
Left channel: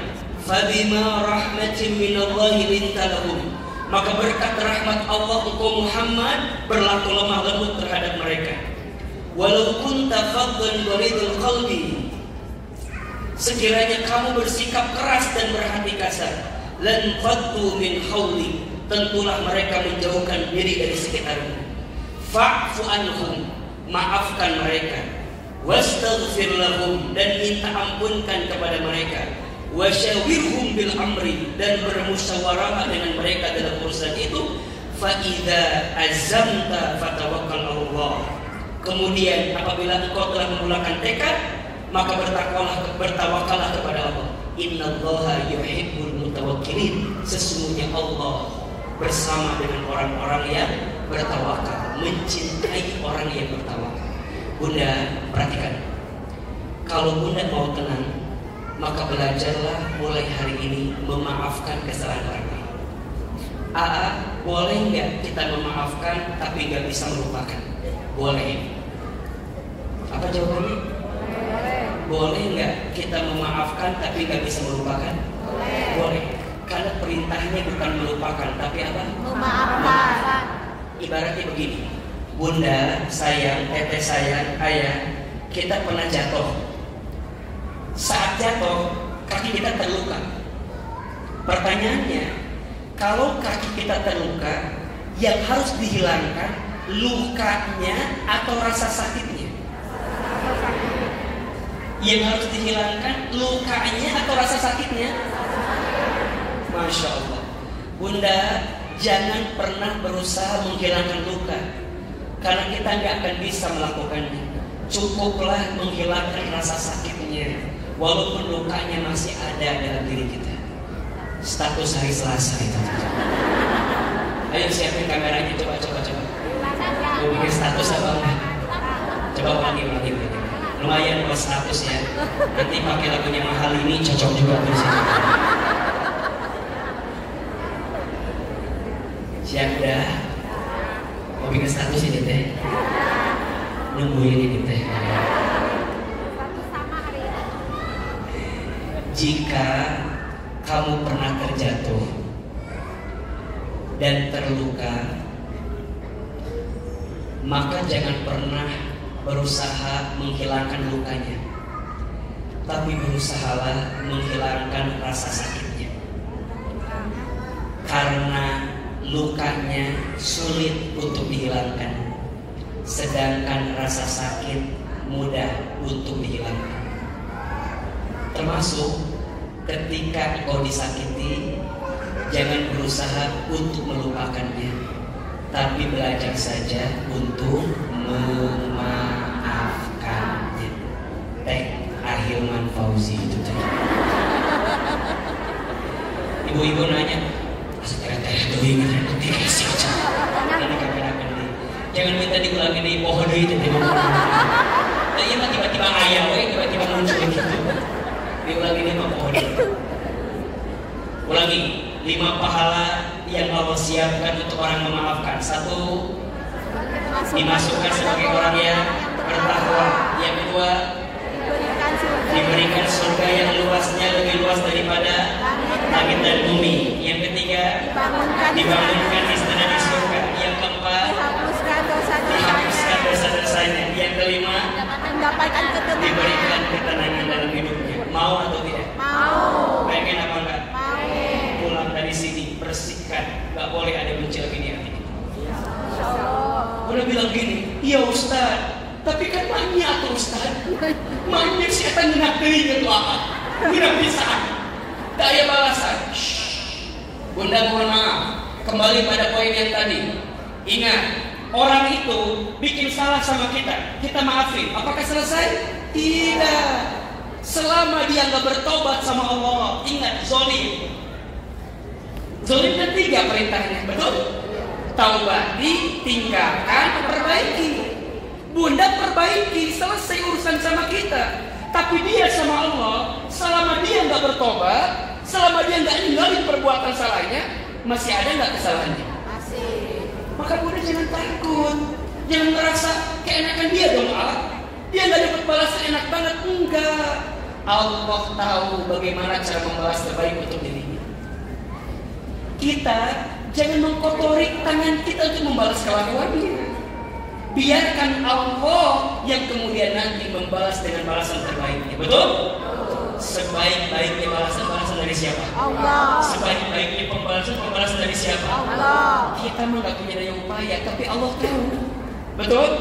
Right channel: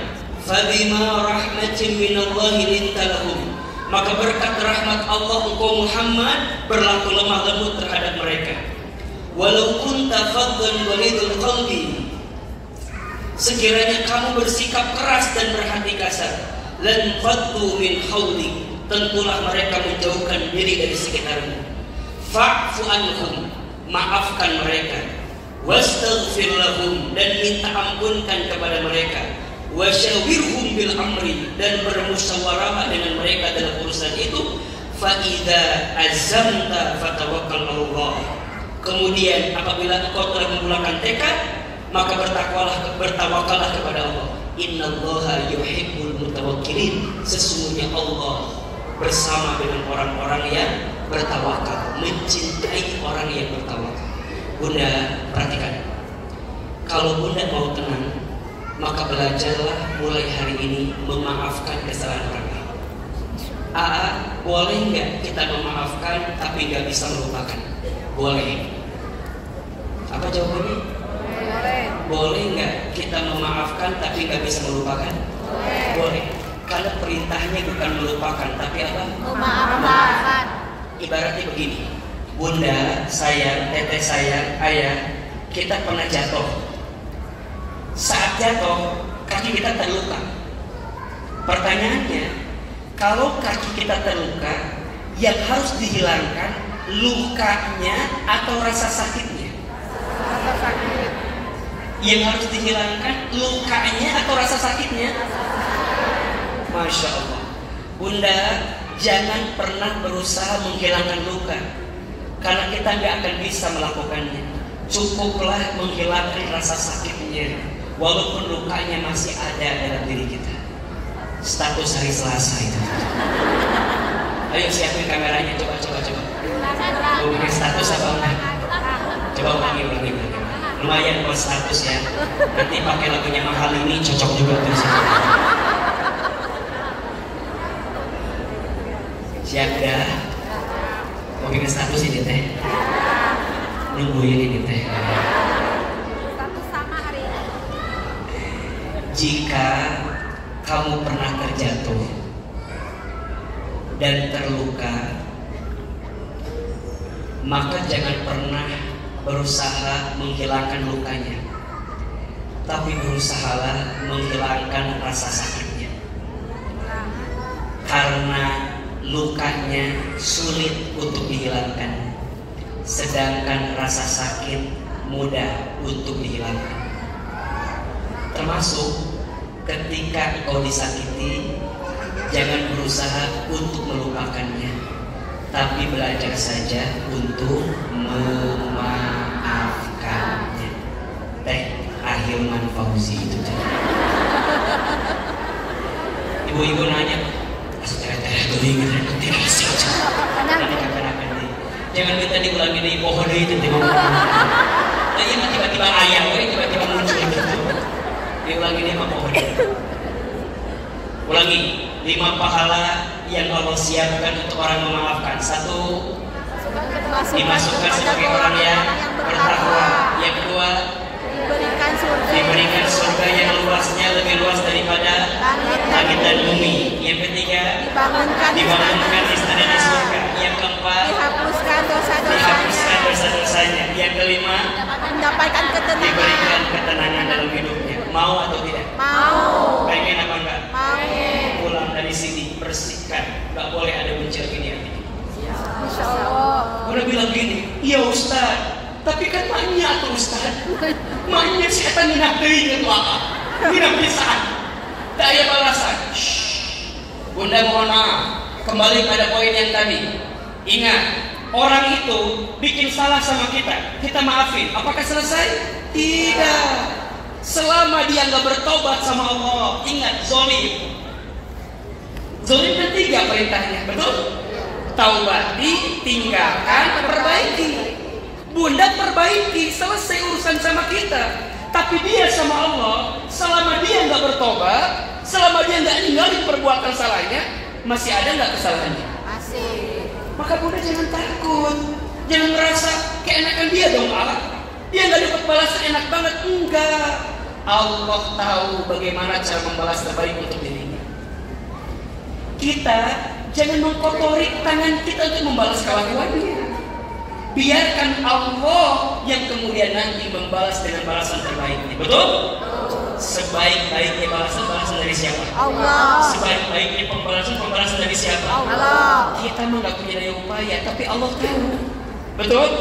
"Fabima rahmatin minallahi linta lahum." Maka berkat rahmat Allah engkau Muhammad berlaku lemah lembut terhadap mereka. Walau kunta faddan ghalidul qalbi, sekiranya kamu bersikap keras dan berhati kasar, lan faddu min hauli, tentulah mereka menjauhkan diri dari sekitarmu. Fa'fu anhum, maafkan mereka. Wastaghfir lahum, dan minta ampunkan kepada mereka. Wasyawirhum bil amri, dan bermusyawarah dengan mereka dalam urusan itu. fa idza azamta fatawakkal 'alallah. Kemudian apabila engkau telah memulakan tekad, maka bertawakallah kepada Allah. Innallaha yuhibbul mutawakkilin. Sesungguhnya Allah bersama dengan orang-orang yang bertawakal, mencintai orang yang bertawakal. Bunda, perhatikan. Kalau Bunda mau tenang, maka belajarlah mulai hari ini memaafkan kesalahan orang lain. Boleh nggak kita memaafkan tapi nggak bisa melupakan? Boleh. Apa jawabannya? Boleh nggak kita memaafkan tapi nggak bisa melupakan? Boleh. Karena perintahnya bukan melupakan, tapi apa? Memaafkan. Ibaratnya begini, Bunda sayang, teteh sayang, ayah, kita pernah jatuh. Saat jatuh, kaki kita terluka. Pertanyaannya, kalau kaki kita terluka, yang harus dihilangkan lukanya atau rasa sakitnya? Yang harus dihilangkan lukanya atau rasa sakitnya? Masya Allah. Bunda, jangan pernah berusaha menghilangkan luka, karena kita nggak akan bisa melakukannya. Cukuplah menghilangkan rasa sakitnya, walaupun lukanya masih ada dalam diri kita. Status hari Selasa itu. Ayo siapin kameranya, coba. Mau bikin status apa enggak? Coba ulangi. Lumayan buat status ya. Nanti pakai lagunya Mahal ini cocok juga tuh. Siap dah? Mau bikin status ini teh? Nungguin ini teh. Jika kamu pernah terjatuh dan terluka, maka jangan pernah berusaha menghilangkan lukanya, tapi berusahalah menghilangkan rasa sakitnya. Karena lukanya sulit untuk dihilangkan, sedangkan rasa sakit mudah untuk dihilangkan. Termasuk ketika engkau disakiti, jangan berusaha untuk melupakannya, tapi belajar saja untuk memaafkannya. Teh Ahilman Fauzi itu. Ibu-ibu nanya, jangan minta diulangi dari pohon itu. Tadi mah tiba-tiba ayam, tiba-tiba muncul. Diulangi 5 pohon. Ulangi 5 pahala yang Allah siapkan untuk orang memaafkan. 1, dimasukkan sebagai orang yang bertakwa. Yang kedua, diberikan surga yang luasnya lebih luas daripada langit dan bumi. Yang ketiga, dibangunkan istana di surga. Yang keempat, dihapuskan dosa-dosanya. Yang kelima, diberikan ketenangan dalam hidupnya. Mau atau tidak? Mau. Pengen apa enggak? Mau. Pulang dari sini bersihkan, nggak boleh ada bencil ini. Udah bilang gini, iya Ustaz, tapi kan maknya tuh Ustaz, maknya setan minatnya tuh apa? Minat pisan, daya balasan. Bunda mohon maaf, kembali pada poin yang tadi. Ingat, orang itu bikin salah sama kita maafin. Apakah selesai? Tidak. Selama dia nggak bertobat sama Allah, ingat zolim. Zolim kan 3 perintahnya, betul? Taubati, tinggalkan, perbaiki. Bunda perbaiki, selesai urusan sama kita. Tapi dia sama Allah, selama dia nggak bertobat, selama dia nggak ninggalin perbuatan salahnya, masih ada nggak kesalahannya? Masih. Maka Bunda jangan takut, jangan merasa keenakan dia dong Allah. Dia nggak dapat balasan enak banget, enggak. Allah tahu bagaimana cara membalas terbaik untuk dirinya. Kita jangan mengkotori tangan kita untuk membalas kelakuannya. Biarkan Allah yang kemudian nanti membalas dengan balasan terbaiknya. Betul? Sebaik-baiknya balasan dari siapa? Allah. Sebaik-baiknya pembalasan dari siapa? Allah. Kita memang gak punya daya upaya, tapi Allah tahu. Betul?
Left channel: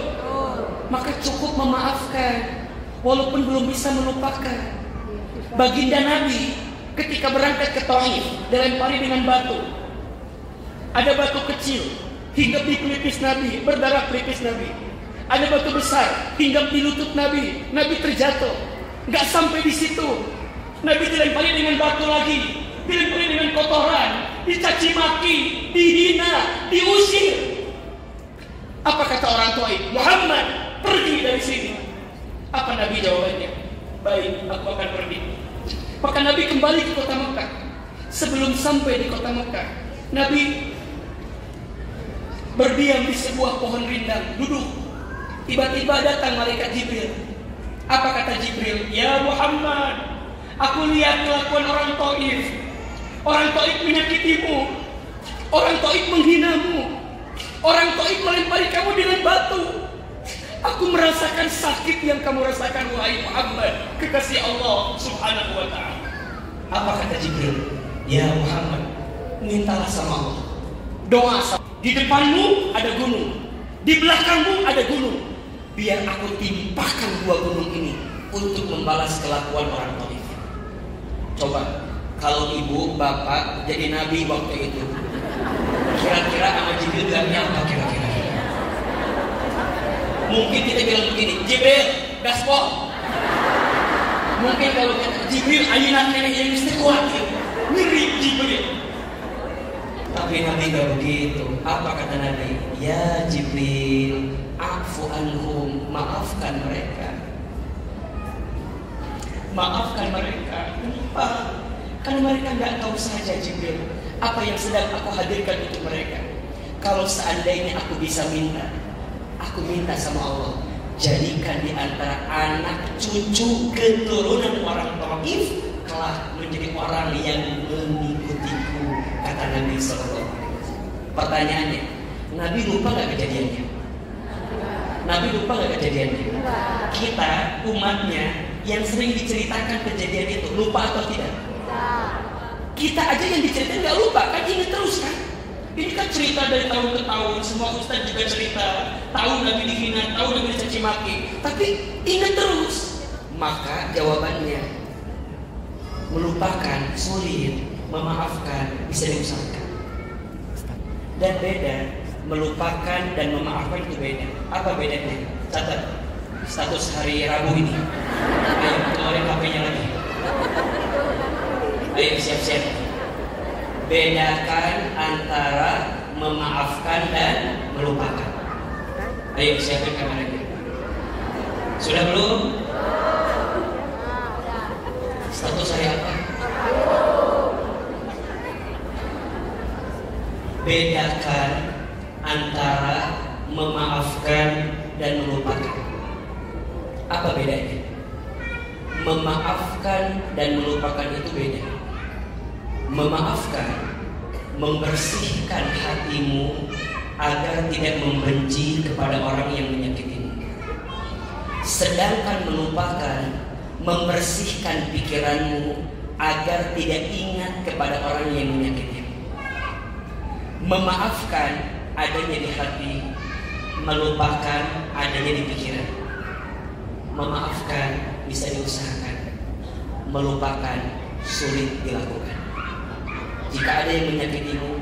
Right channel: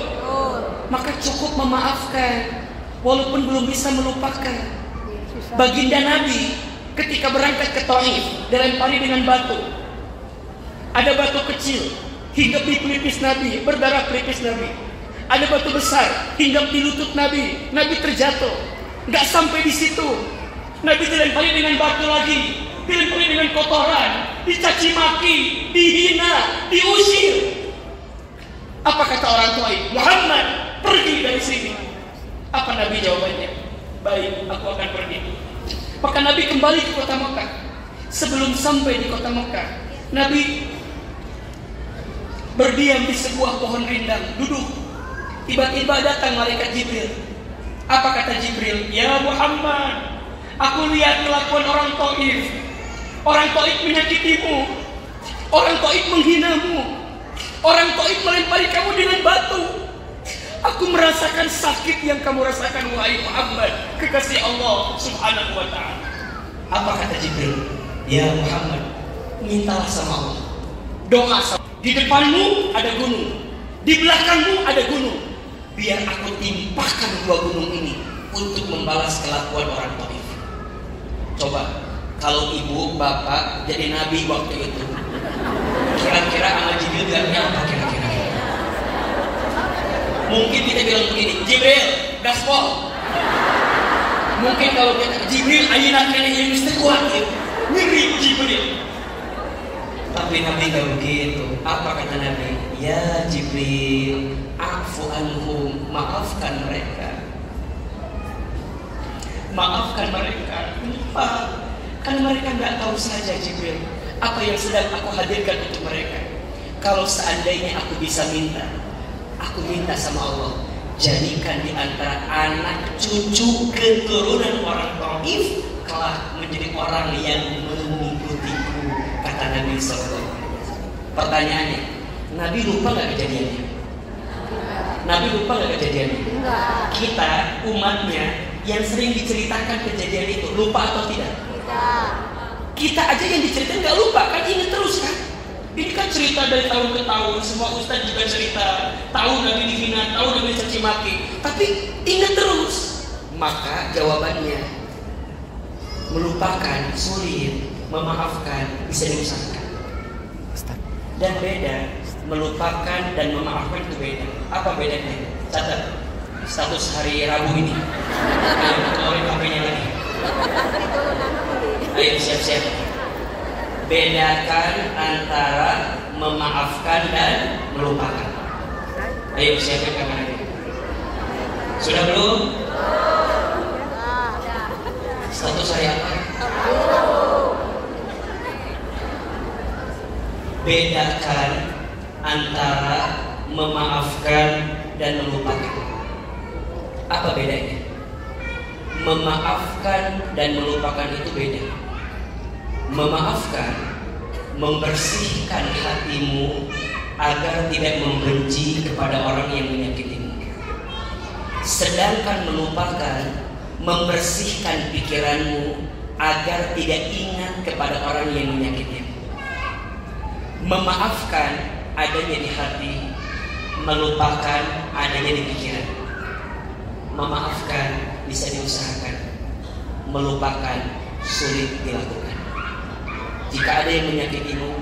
Maka cukup memaafkan, walaupun belum bisa melupakan. Baginda Nabi ketika berangkat ke Taif dilempari dengan batu. Ada batu kecil, hinggap di pelipis Nabi, berdarah pelipis Nabi. Ada batu besar hinggap di lutut Nabi, Nabi terjatuh. Gak sampai di situ, Nabi dilempari dengan batu lagi, dilempari dengan kotoran, dicaci maki, dihina, diusir. Apa kata orang tua itu? Muhammad, pergi dari sini. Apa Nabi jawabannya? Baik, aku akan pergi. Maka Nabi kembali ke kota Mekah. Sebelum sampai di kota Mekah, Nabi berdiam di sebuah pohon rindang, duduk. Tiba-tiba datang malaikat Jibril. Apa kata Jibril? Ya Muhammad, aku lihat kelakuan orang Taif. Orang Taif menyakitimu, orang Taif menghinamu, orang Taif melempari kamu dengan batu. Aku merasakan sakit yang kamu rasakan, wahai Muhammad, kekasih Allah Subhanahu wa ta'ala. Apa kata Jibril? Ya Muhammad, mintalah sama Allah, doa sama. Di depanmu ada gunung, di belakangmu ada gunung. Biar aku timpakan dua gunung ini untuk membalas kelakuan orang Taif. Coba, kalau ibu, bapak jadi nabi waktu itu, kira-kira sama Jibril bilangnya apa kira-kira? Mungkin kita bilang begini, Jibril, gaspol. Mungkin kalau kita Jibril, ayunan nenek yang mesti kuat gitu. Ngiri Jibril. Tapi Nabi gak begitu. Apa kata Nabi? Ya Jibril, afu anhum, maafkan mereka. Maafkan mereka. Kenapa? Karena mereka gak tahu saja Jibril apa yang sedang aku hadirkan untuk mereka. Kalau seandainya aku bisa minta, aku minta sama Allah, jadikan di antara anak cucu keturunan orang Taif kelak menjadi orang yang mengikutiku, kata Nabi SAW. Pertanyaannya, Nabi lupa gak kejadiannya? Nabi lupa gak kejadiannya? Kita umatnya yang sering diceritakan kejadian itu, lupa atau tidak? Kita aja yang diceritain gak lupa, kan ingat terus kan? Ini kan cerita dari tahun ke tahun, semua ustaz juga cerita, tahu Nabi dihina, tahu Nabi dicaci maki, tapi ingat terus. Maka jawabannya, melupakan sulit, memaafkan bisa diusahakan. Dan beda, melupakan dan memaafkan itu beda. Apa bedanya? Catat status hari Rabu ini. Ayo keluarin HP-nya lagi. Ayo siap-siap. Bedakan antara memaafkan dan melupakan. Ayo siapin kameranya. Sudah belum? Status hari apa? Bedakan antara memaafkan dan melupakan. Apa bedanya? Memaafkan dan melupakan itu beda. Memaafkan, membersihkan hatimu agar tidak membenci kepada orang yang menyakitimu. Sedangkan melupakan, membersihkan pikiranmu agar tidak ingat kepada orang yang menyakitimu. Memaafkan adanya di hati, melupakan adanya di pikiran. Memaafkan bisa diusahakan, melupakan sulit dilakukan. Jika ada yang menyakitimu,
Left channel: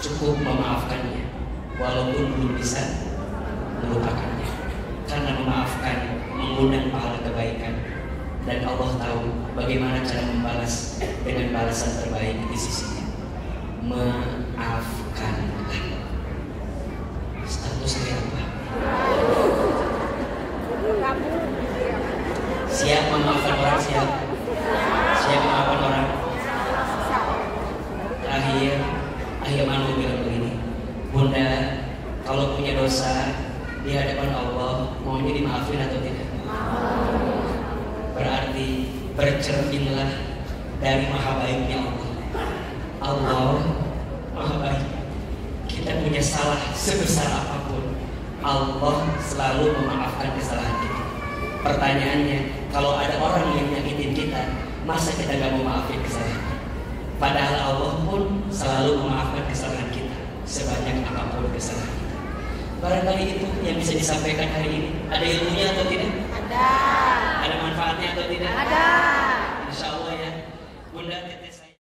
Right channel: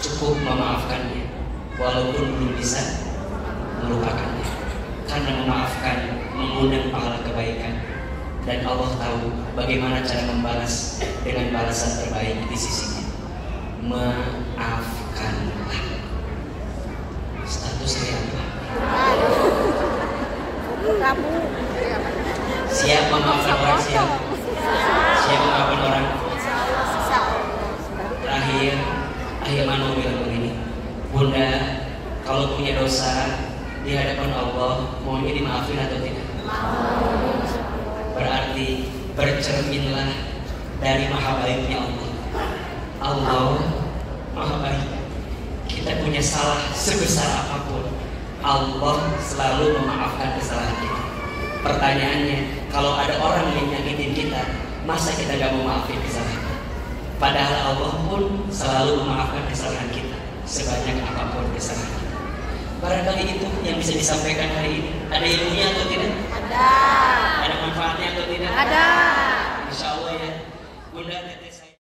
cukup memaafkannya, walaupun belum bisa melupakannya. Karena memaafkan mengundang pahala kebaikan, dan Allah tahu bagaimana cara membalas dengan balasan terbaik di sisinya. Maafkanlah. Statusnya apa? Siap memaafkan orang? Siap? Siap memaafkan orang? Terakhir Manu bilang begini, Bunda, kalau punya dosa di hadapan Allah, maunya dimaafin atau tidak? Berarti bercerminlah dari maha baiknya Allah. Allah maha baik. Kita punya salah sebesar apapun, Allah selalu memaafkan kesalahan kita. Pertanyaannya, kalau ada orang yang nyakitin kita, masa kita gak mau maafin kesalahannya? Padahal Allah pun selalu memaafkan kesalahan kita, sebanyak apapun kesalahan kita. Barangkali itu yang bisa disampaikan hari ini. Ada ilmunya atau tidak? Ada. Ada manfaatnya atau tidak? Ada.